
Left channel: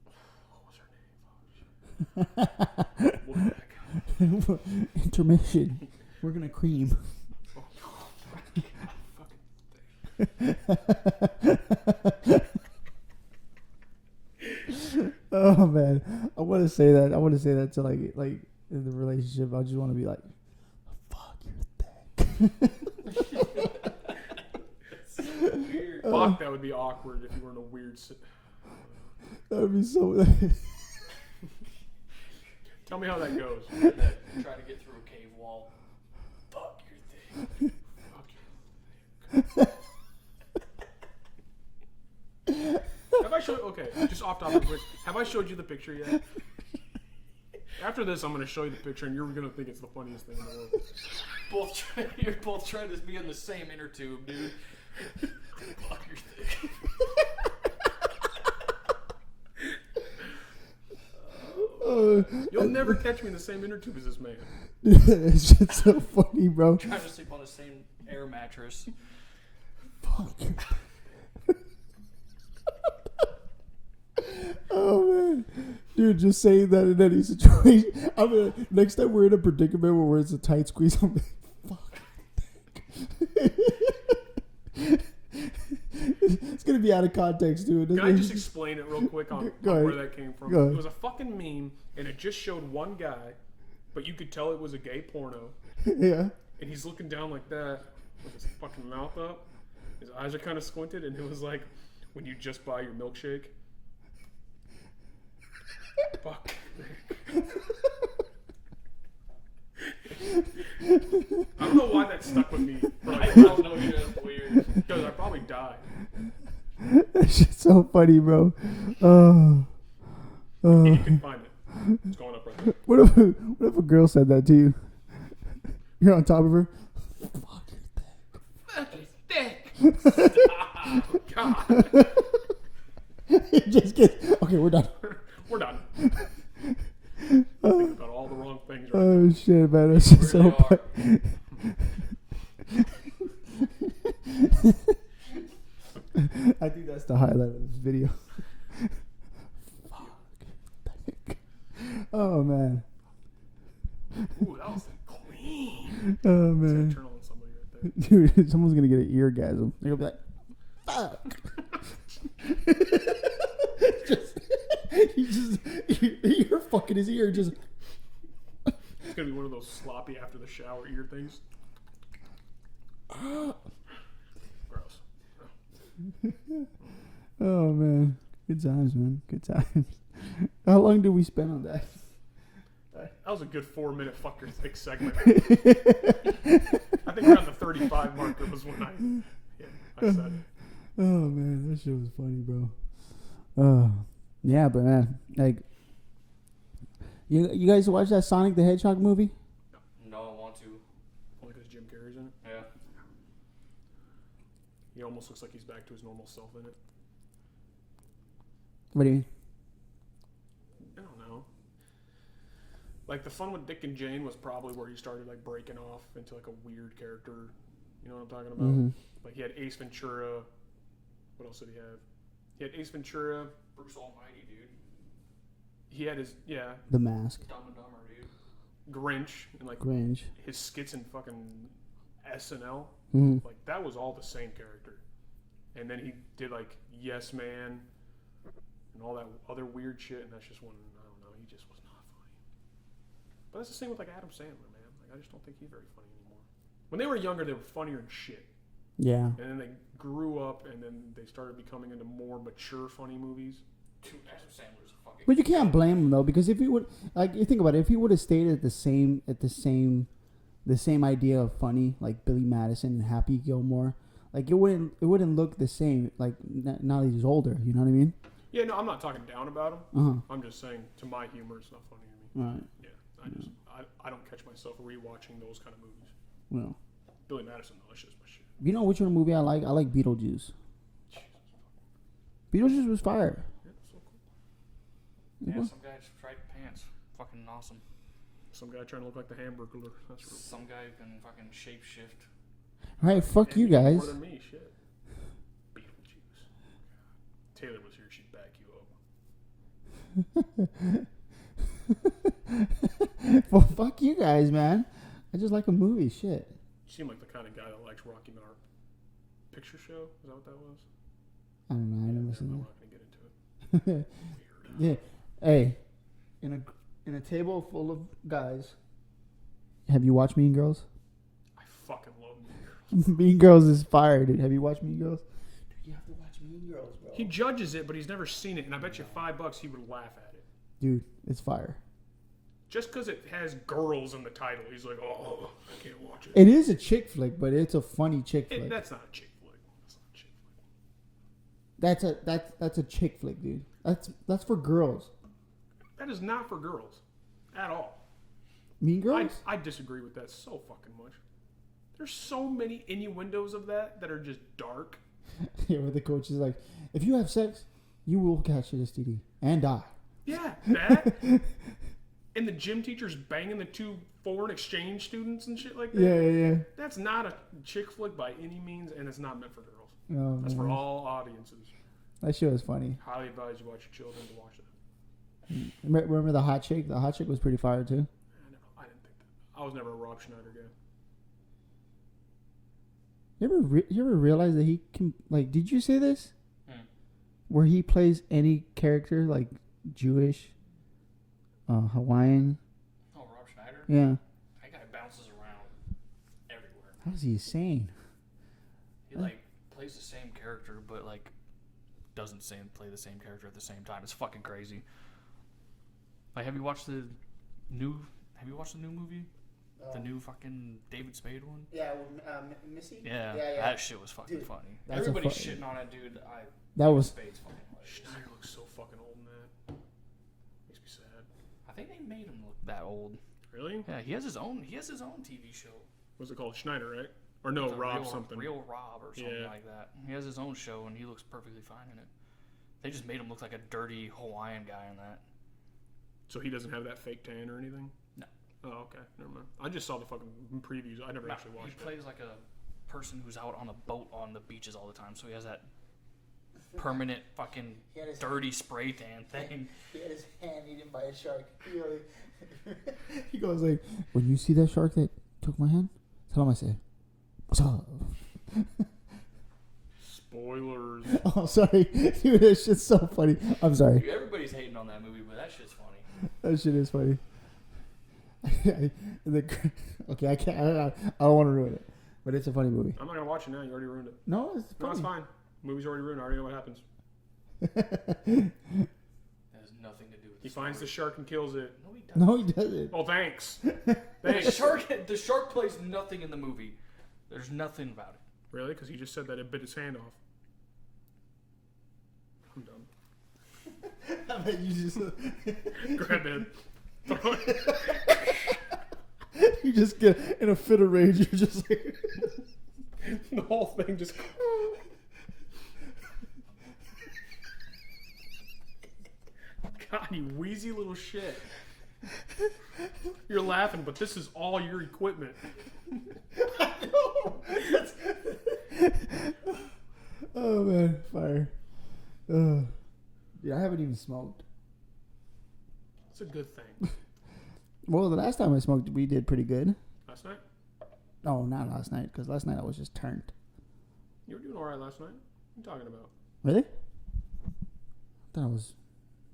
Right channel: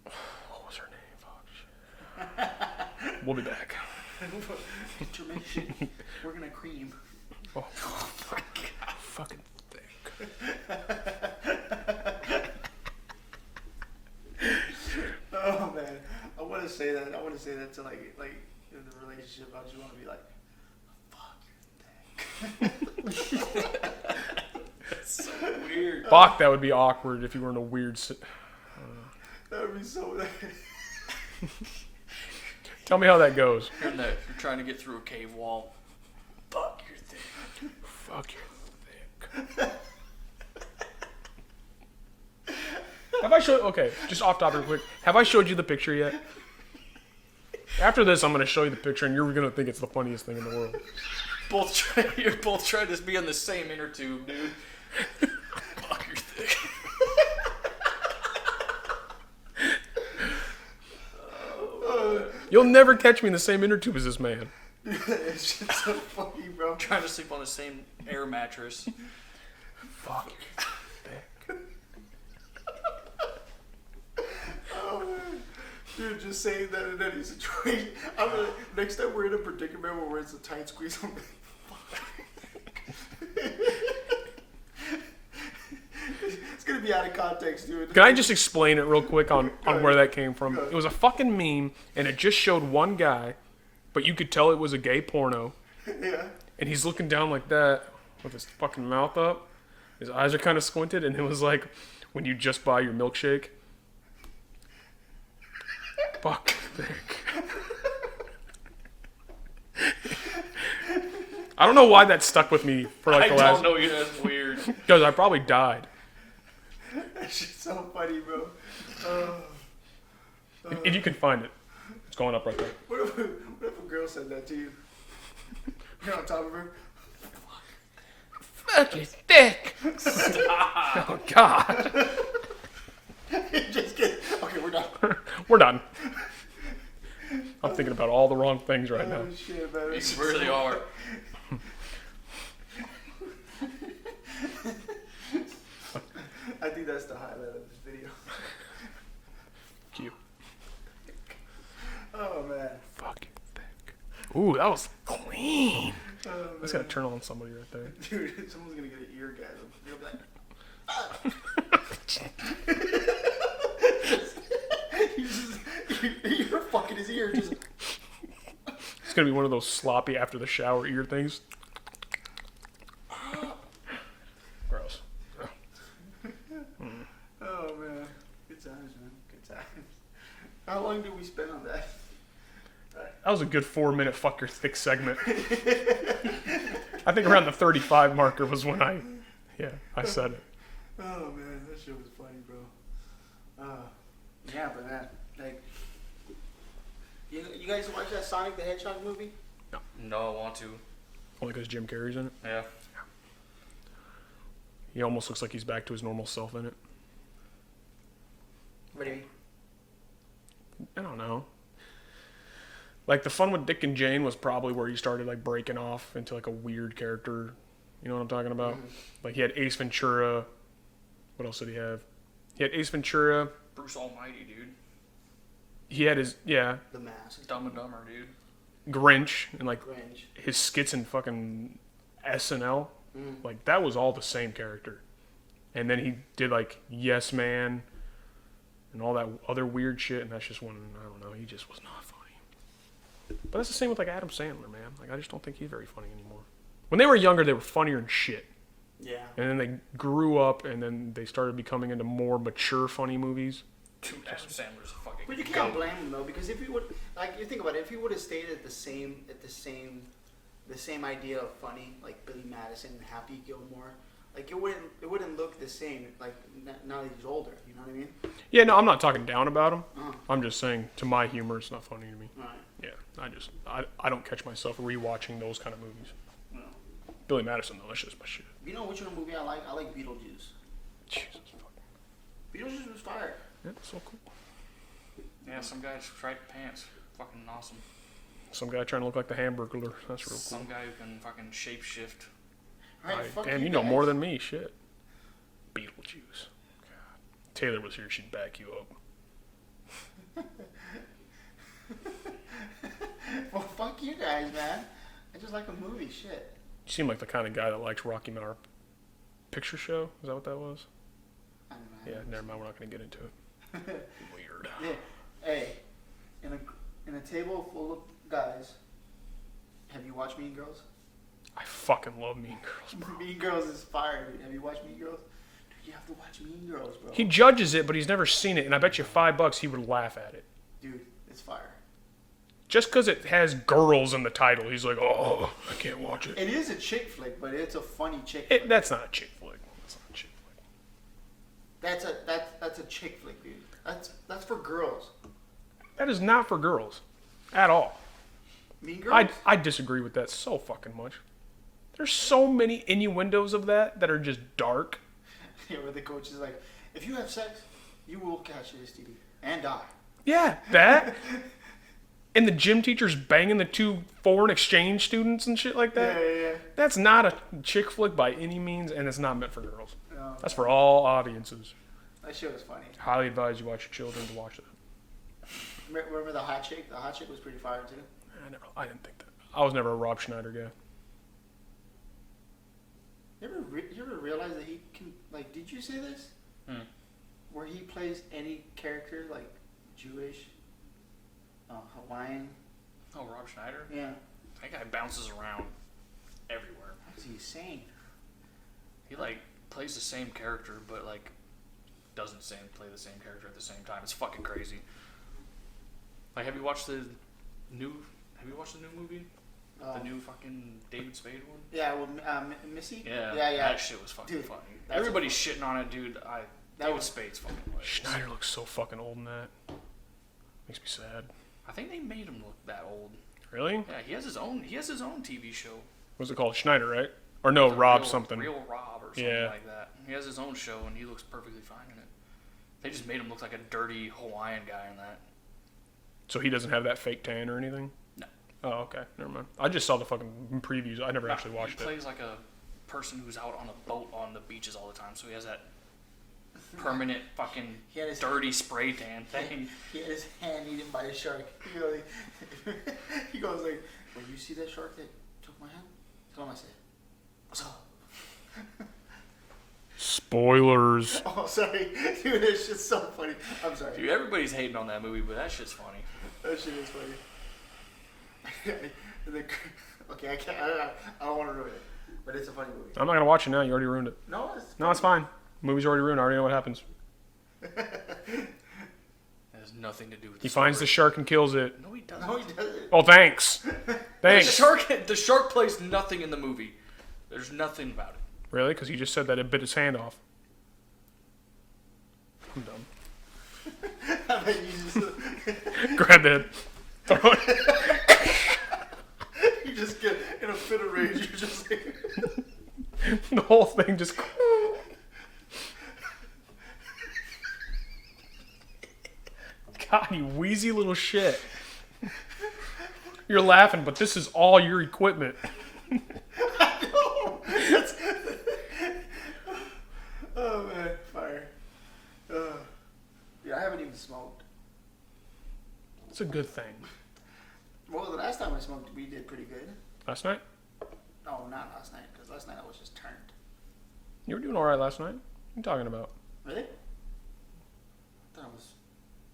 What was her name? Fuck, shit. We'll be back. Intermission. We're gonna cream. Oh, fucking thick. Oh man, I want to say that. I want to say that to like in the relationship. I just want to be like, fuck, you're thick. That's so weird. Fuck, that would be awkward if you were in a weird. That would be so. Tell me how that goes. You're trying to get through a cave wall. Fuck, you're thick. Fuck, you're thick. Have I showed? Okay, just off topic quick. Have I showed you the picture yet? After this, I'm gonna show you the picture, and you're gonna think it's the funniest thing in the world. You're both trying to be in the same inner tube, dude. Fuck, you're thick. You'll never catch me in the same inner tube as this man. It's just so funny, bro. I'm trying to sleep on the same air mattress. Fuck. Oh man, dude, just saying that in any situation. I'm gonna, next time we're in a predicament where it's a tight squeeze, I'm like, fuck. It's gonna be out of context, dude. Can I just explain it real quick on ahead. where that came from? Go ahead. It was a fucking meme, and it just showed one guy, but you could tell it was a gay porno. Yeah. And he's looking down like that with his fucking mouth up. His eyes are kind of squinted, and it was like when you just buy your milkshake. Fuck. I don't know why that stuck with me for like the last. I don't know, that's weird. Because I probably died. That shit's so funny, bro. Oh. If you can find it, it's going up right there. What if a girl said that to you? You're on top of her. Fuck, you're thick. Oh God. You just get okay. We're done. We're done. I'm thinking about all the wrong things right Oh now. shit, man! That's just Really so are. I think that's the highlight of this video. Cute. Oh man. Fuck you thick. Ooh, that was clean. Oh It's gonna man. turn on somebody right there. Dude, someone's gonna get an eargasm. They'll be like, "Fuck." You're fucking his ear. Just It's gonna be one of those sloppy after the shower ear things. Gross. oh man, good times, man. Good times. How long did we spend on that? That was a good 4-minute fuck your thick segment. I think around the 35 marker was when I said it. Oh man, that shit was funny, bro. Oh yeah, but man, like, you guys watch that Sonic the Hedgehog movie? No, I want to. Only because Jim Carrey's in it. Yeah. He almost looks like he's back to his normal self in it. What do you mean? I don't know. Like, the fun with Dick and Jane was probably where he started, like, breaking off into, like, a weird character. You know what I'm talking about? Mhm. Like, he had Ace Ventura. What else did he have? He had Ace Ventura. Bruce Almighty, dude. He had his, The Mask, Dumb and Dumber, dude. Grinch. And, like, Grinch. his skits in fucking SNL. Mm-hmm. Like, that was all the same character. And then he did like Yes Man and all that other weird shit. And that's just one, I don't know, he just was not funny. But that's the same with like Adam Sandler, man. Like I just don't think he's very funny anymore. When they were younger, they were funnier than shit. Yeah. And then they grew up, and then they started becoming into more mature, funny movies. Dude, Adam Sandler's a fucking. But you can't blame him though, because if he would, like, you think about it, if he would have stayed at the same idea of funny, like Billy Madison and Happy Gilmore, like it wouldn't look the same. Like now that he's older, you know what I mean? Yeah, no, I'm not talking down about him. Uh-huh. I'm just saying, to my humor, it's not funny to me. Right. Yeah, I don't catch myself rewatching those kind of movies. No. Billy Madison, though, that's just my shit. You know which one movie I like? I like Beetlejuice. Jesus fucking. Beetlejuice was fire. Yeah, so cool. Yeah, some guy striped pants. Fucking awesome. Some guy trying to look like the Hamburglar. That's real cool. Some guy who can fucking shapeshift. Right, fuck and you you guys. know more than me, shit. Beetlejuice. God. Taylor was here, she'd back you up. Well, fuck you guys, man. I just like a movie, shit. You seem like the kind of guy that likes Rocky Mountain Picture Show. Is that what that was? I don't know. Yeah, never mind. We're not going to get into it. Weird. Yeah. Hey, in a table full of guys, have you watched Mean Girls? I fucking love Mean Girls. Mean Girls is fire, dude. Have you watched Mean Girls? Dude, you have to watch Mean Girls, bro. He judges it, but he's never seen it, and I bet you $5 he would laugh at it. Dude, it's fire. Just because it has girls in the title, he's like, oh, I can't watch it. It is a chick flick, but it's a funny chick flick. That's not a chick flick. That's not a chick flick. That's a chick flick, dude. That's for girls. That is not for girls. At all. Mean Girls? I disagree with that so fucking much. There's so many innuendos of that are just dark. Yeah, where the coach is like, if you have sex, you will catch an STD and die. Yeah, that. And the gym teacher's banging the 2 foreign exchange students and shit like that. Yeah. That's not a chick flick by any means, and it's not meant for girls. Oh, That's man. for all audiences. That shit was funny. Highly advise you watch your children to watch that. Remember the hot chick? The hot chick was pretty fire too. I didn't think that. I was never a Rob Schneider guy. You ever realize that he can, like, did you say this? Where he plays any character, like Jewish, Hawaiian. Oh, Rob Schneider? Yeah. That guy bounces around everywhere. How is he insane? He, like, plays the same character, but, like, doesn't play the same character at the same time. It's fucking crazy. Like, have you watched the new movie? The new fucking David Spade one? Yeah, well, Missy? Yeah. That shit was fucking Dude, funny. that's Everybody's shitting on it, dude. That was Spade's fucking hilarious. Schneider looks so fucking old in that. Makes me sad. I think they made him look that old. Really? Yeah, he has his own TV show. What's it called? Schneider, right? Or no, Rob something. Real Rob or something like that. He has his own show and he looks perfectly fine in it. They just made him look like a dirty Hawaiian guy in that. So he doesn't have that fake tan or anything? No. Oh, okay. Never mind. I just saw the fucking previews. I never actually watched He it. plays like a person who's out on a boat on the beaches all the time, so he has that permanent fucking dirty spray tan thing. He had his hand eaten by a shark. He goes like, when you see that shark that took my hand, tell him I said, what's up? Spoilers. Oh, sorry. Dude, that shit's so funny. I'm sorry. Dude, everybody's hating on that movie, but that shit's funny. That shit is funny. Okay, I can't. I don't want to ruin it, but it's a funny movie. I'm not going to watch it now. You already ruined it. No, It's fine. Movie's already ruined. I already know what happens. It has nothing to do with He finds the shark and kills it. No, he doesn't. No, he doesn't. Oh, thanks. Thanks. The shark plays nothing in the movie. There's nothing about it. Really? Because you just said that it bit his hand off. I'm dumb. I bet you just Grab the head. Throw it. you just get in a fit of rage. You just like, The whole thing just... God, you wheezy little shit. You're laughing, but this is all your equipment. oh man, fire. Yeah, I haven't even smoked. It's a good thing. Well, the last time I smoked, we did pretty good. Last night? No, not last night, because last night I was just turned. You were doing all right last night. you talking about? Really? That was.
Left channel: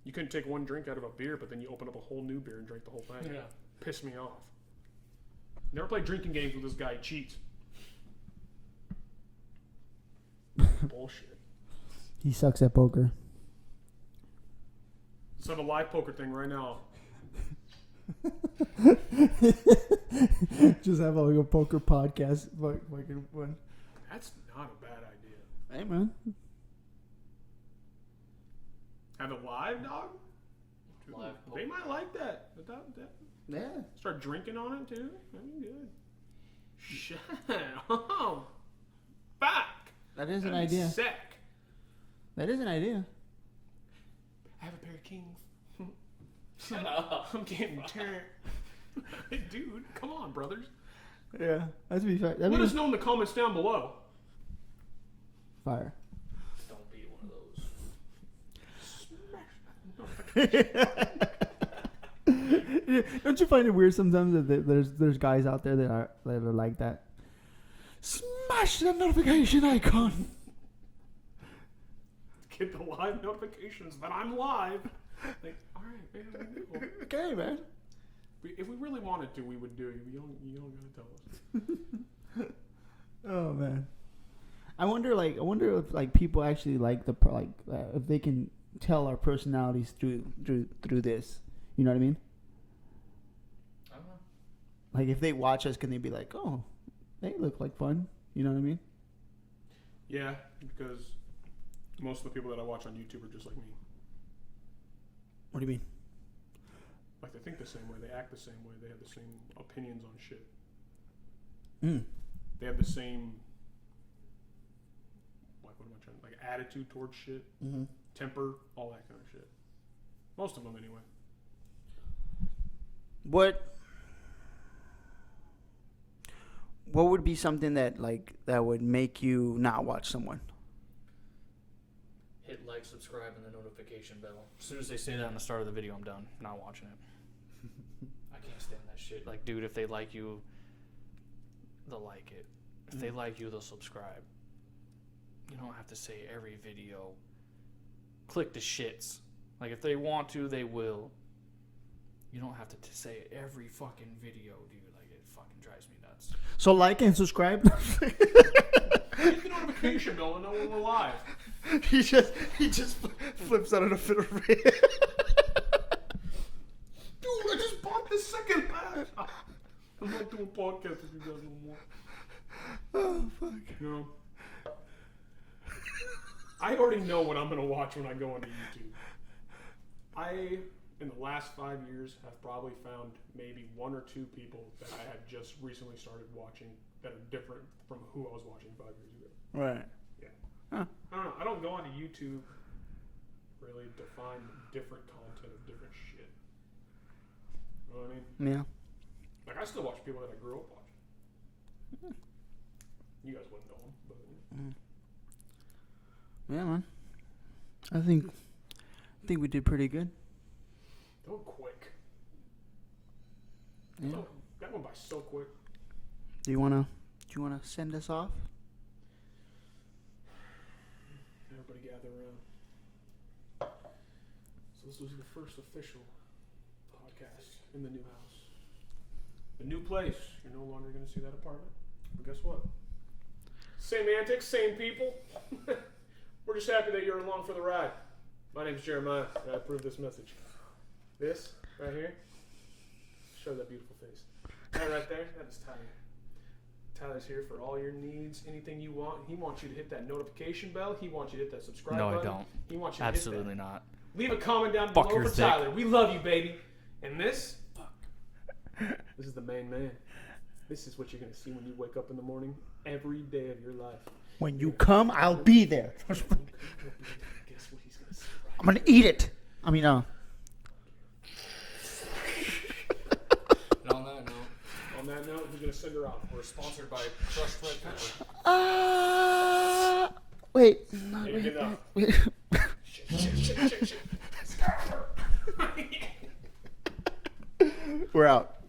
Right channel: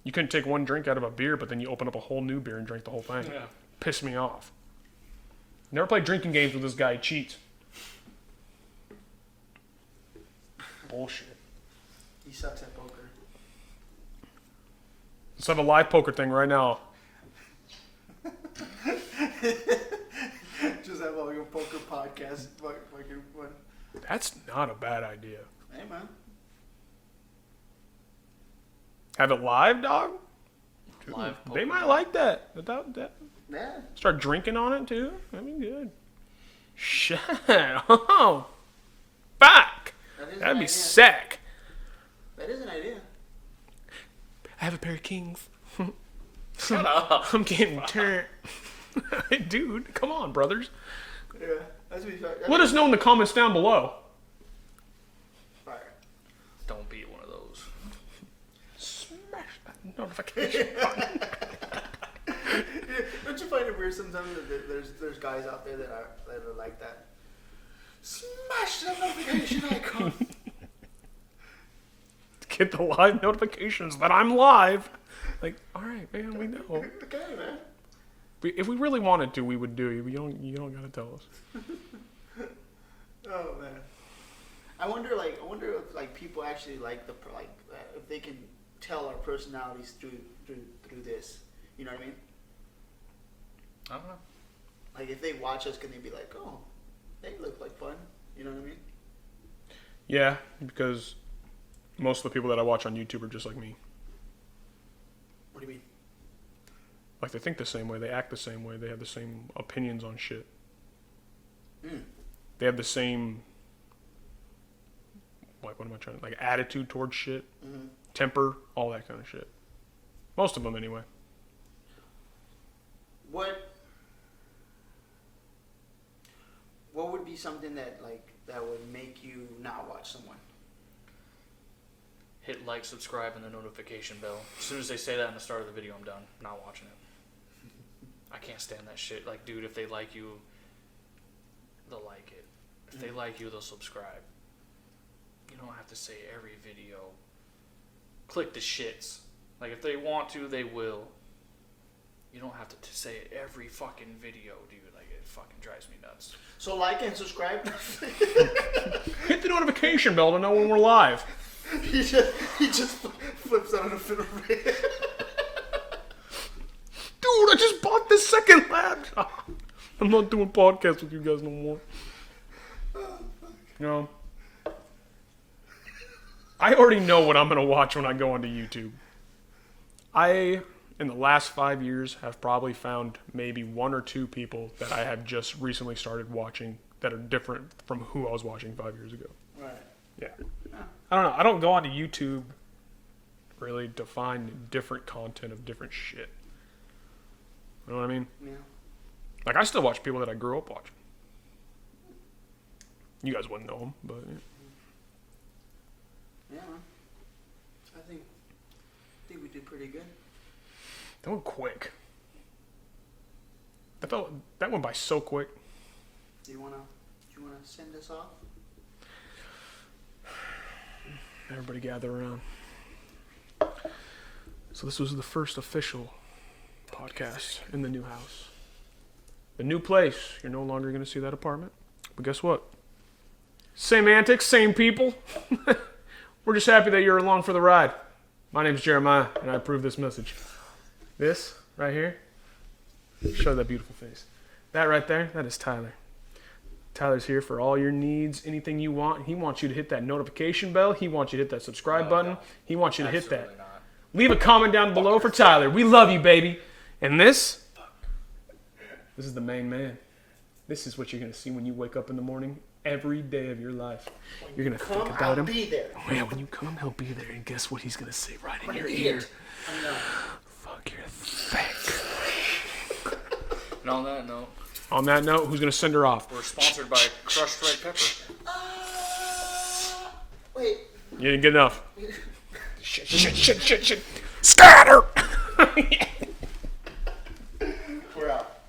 You couldn't take one drink out of a beer, but then you open up a whole new beer and drink the whole thing. Yeah. Pissed me off. Never played drinking games with this guy. He cheats. Bullshit. He sucks at poker. Let's have a live poker thing right now. Just have like a poker podcast. Fucking one. That's not a bad idea. Hey, man. Have it live, dog? Live They poker. might like that. Without that. Yeah. Start drinking on it, too. That'd be good. Shit. Oh. Fuck. That'd That'd be sick. That is an idea. I have a pair of kings. Shut up. I'm getting turned. Dude, come on, brothers. Yeah. That'd be fire. Let us know in the comments down below. Fire. Don't be one of those. Smash that notification button. Don't you find it weird sometimes that there's guys out there that are like that? Smash that notification icon. Get the live notifications that I'm live. Like, all right, man, we know. Okay, man. If we really wanted to, we would do it. You don't gotta tell us. Oh man. I wonder if like people actually like if they can tell our personalities through this. You know what I mean? I don't know. Like if they watch us, can they be like, oh, they look like fun? You know what I mean? Yeah, because most of the people that I watch on YouTube are just like me. What do you mean? Like they think the same way, they act the same way, they have the same opinions on shit. They have the same, like, what am I trying to, like, attitude towards shit, temper, all that kind of shit. Most of them, anyway. What would be something that would make you not watch someone? Hit like, subscribe, and the notification bell. As soon as they say that in the start of the video, I'm done. Not watching it. I can't stand that shit. Like, dude, if they like you, they'll like it. If they like you, they'll subscribe. You don't have to say every video. Click the shits. Like, if they want to, they will. You don't have to say it every fucking video, dude. Like, it fucking drives me nuts. So like and subscribe. Hit the notification bell to know when we're live. he just flips out on a fit of rage. Dude, I just bought this second laptop. I'm not doing podcasts with you guys no more. Oh fuck. You know, I already know what I'm gonna watch when I go onto YouTube. I, in the last 5 years, have probably found maybe one or two people that I have just recently started watching that are different from who I was watching 5 years ago. Right. Yeah. Huh. I don't know. I don't go onto YouTube really to find different content of different shit. You know what I mean? Yeah. Like, I still watch people that I grew up watching. You guys wouldn't know them, but... Yeah, man. I think we did pretty good. That went quick. That went by so quick. Do you wanna send us off? Everybody gather around. So this was the first official podcast in the new house. The new place. You're no longer going to see that apartment. But guess what? Same antics, same people. We're just happy that you're along for the ride. My name's Jeremiah, and I approve this message. This, right here, show that beautiful face. That right there, that is Tyler. Tyler's here for all your needs, anything you want. He wants you to hit that notification bell. He wants you to hit that subscribe button. Don't. He wants you to hit that. Absolutely not. Leave a comment down below for yourself. Tyler. We love you, baby. And this is the main man. This is what you're going to see when you wake up in the morning every day of your life. When You're you gonna come, think about I'll him. be there. Oh, yeah, when you come, he'll be there. And guess what he's going to say right I'm gonna here? eat it. I mean, Fuck, you're thick. And on that note, On that note, who's going to send her off? we're sponsored by Crushed Red Pepper. wait. You didn't get enough. Shit. Scatter! We're out.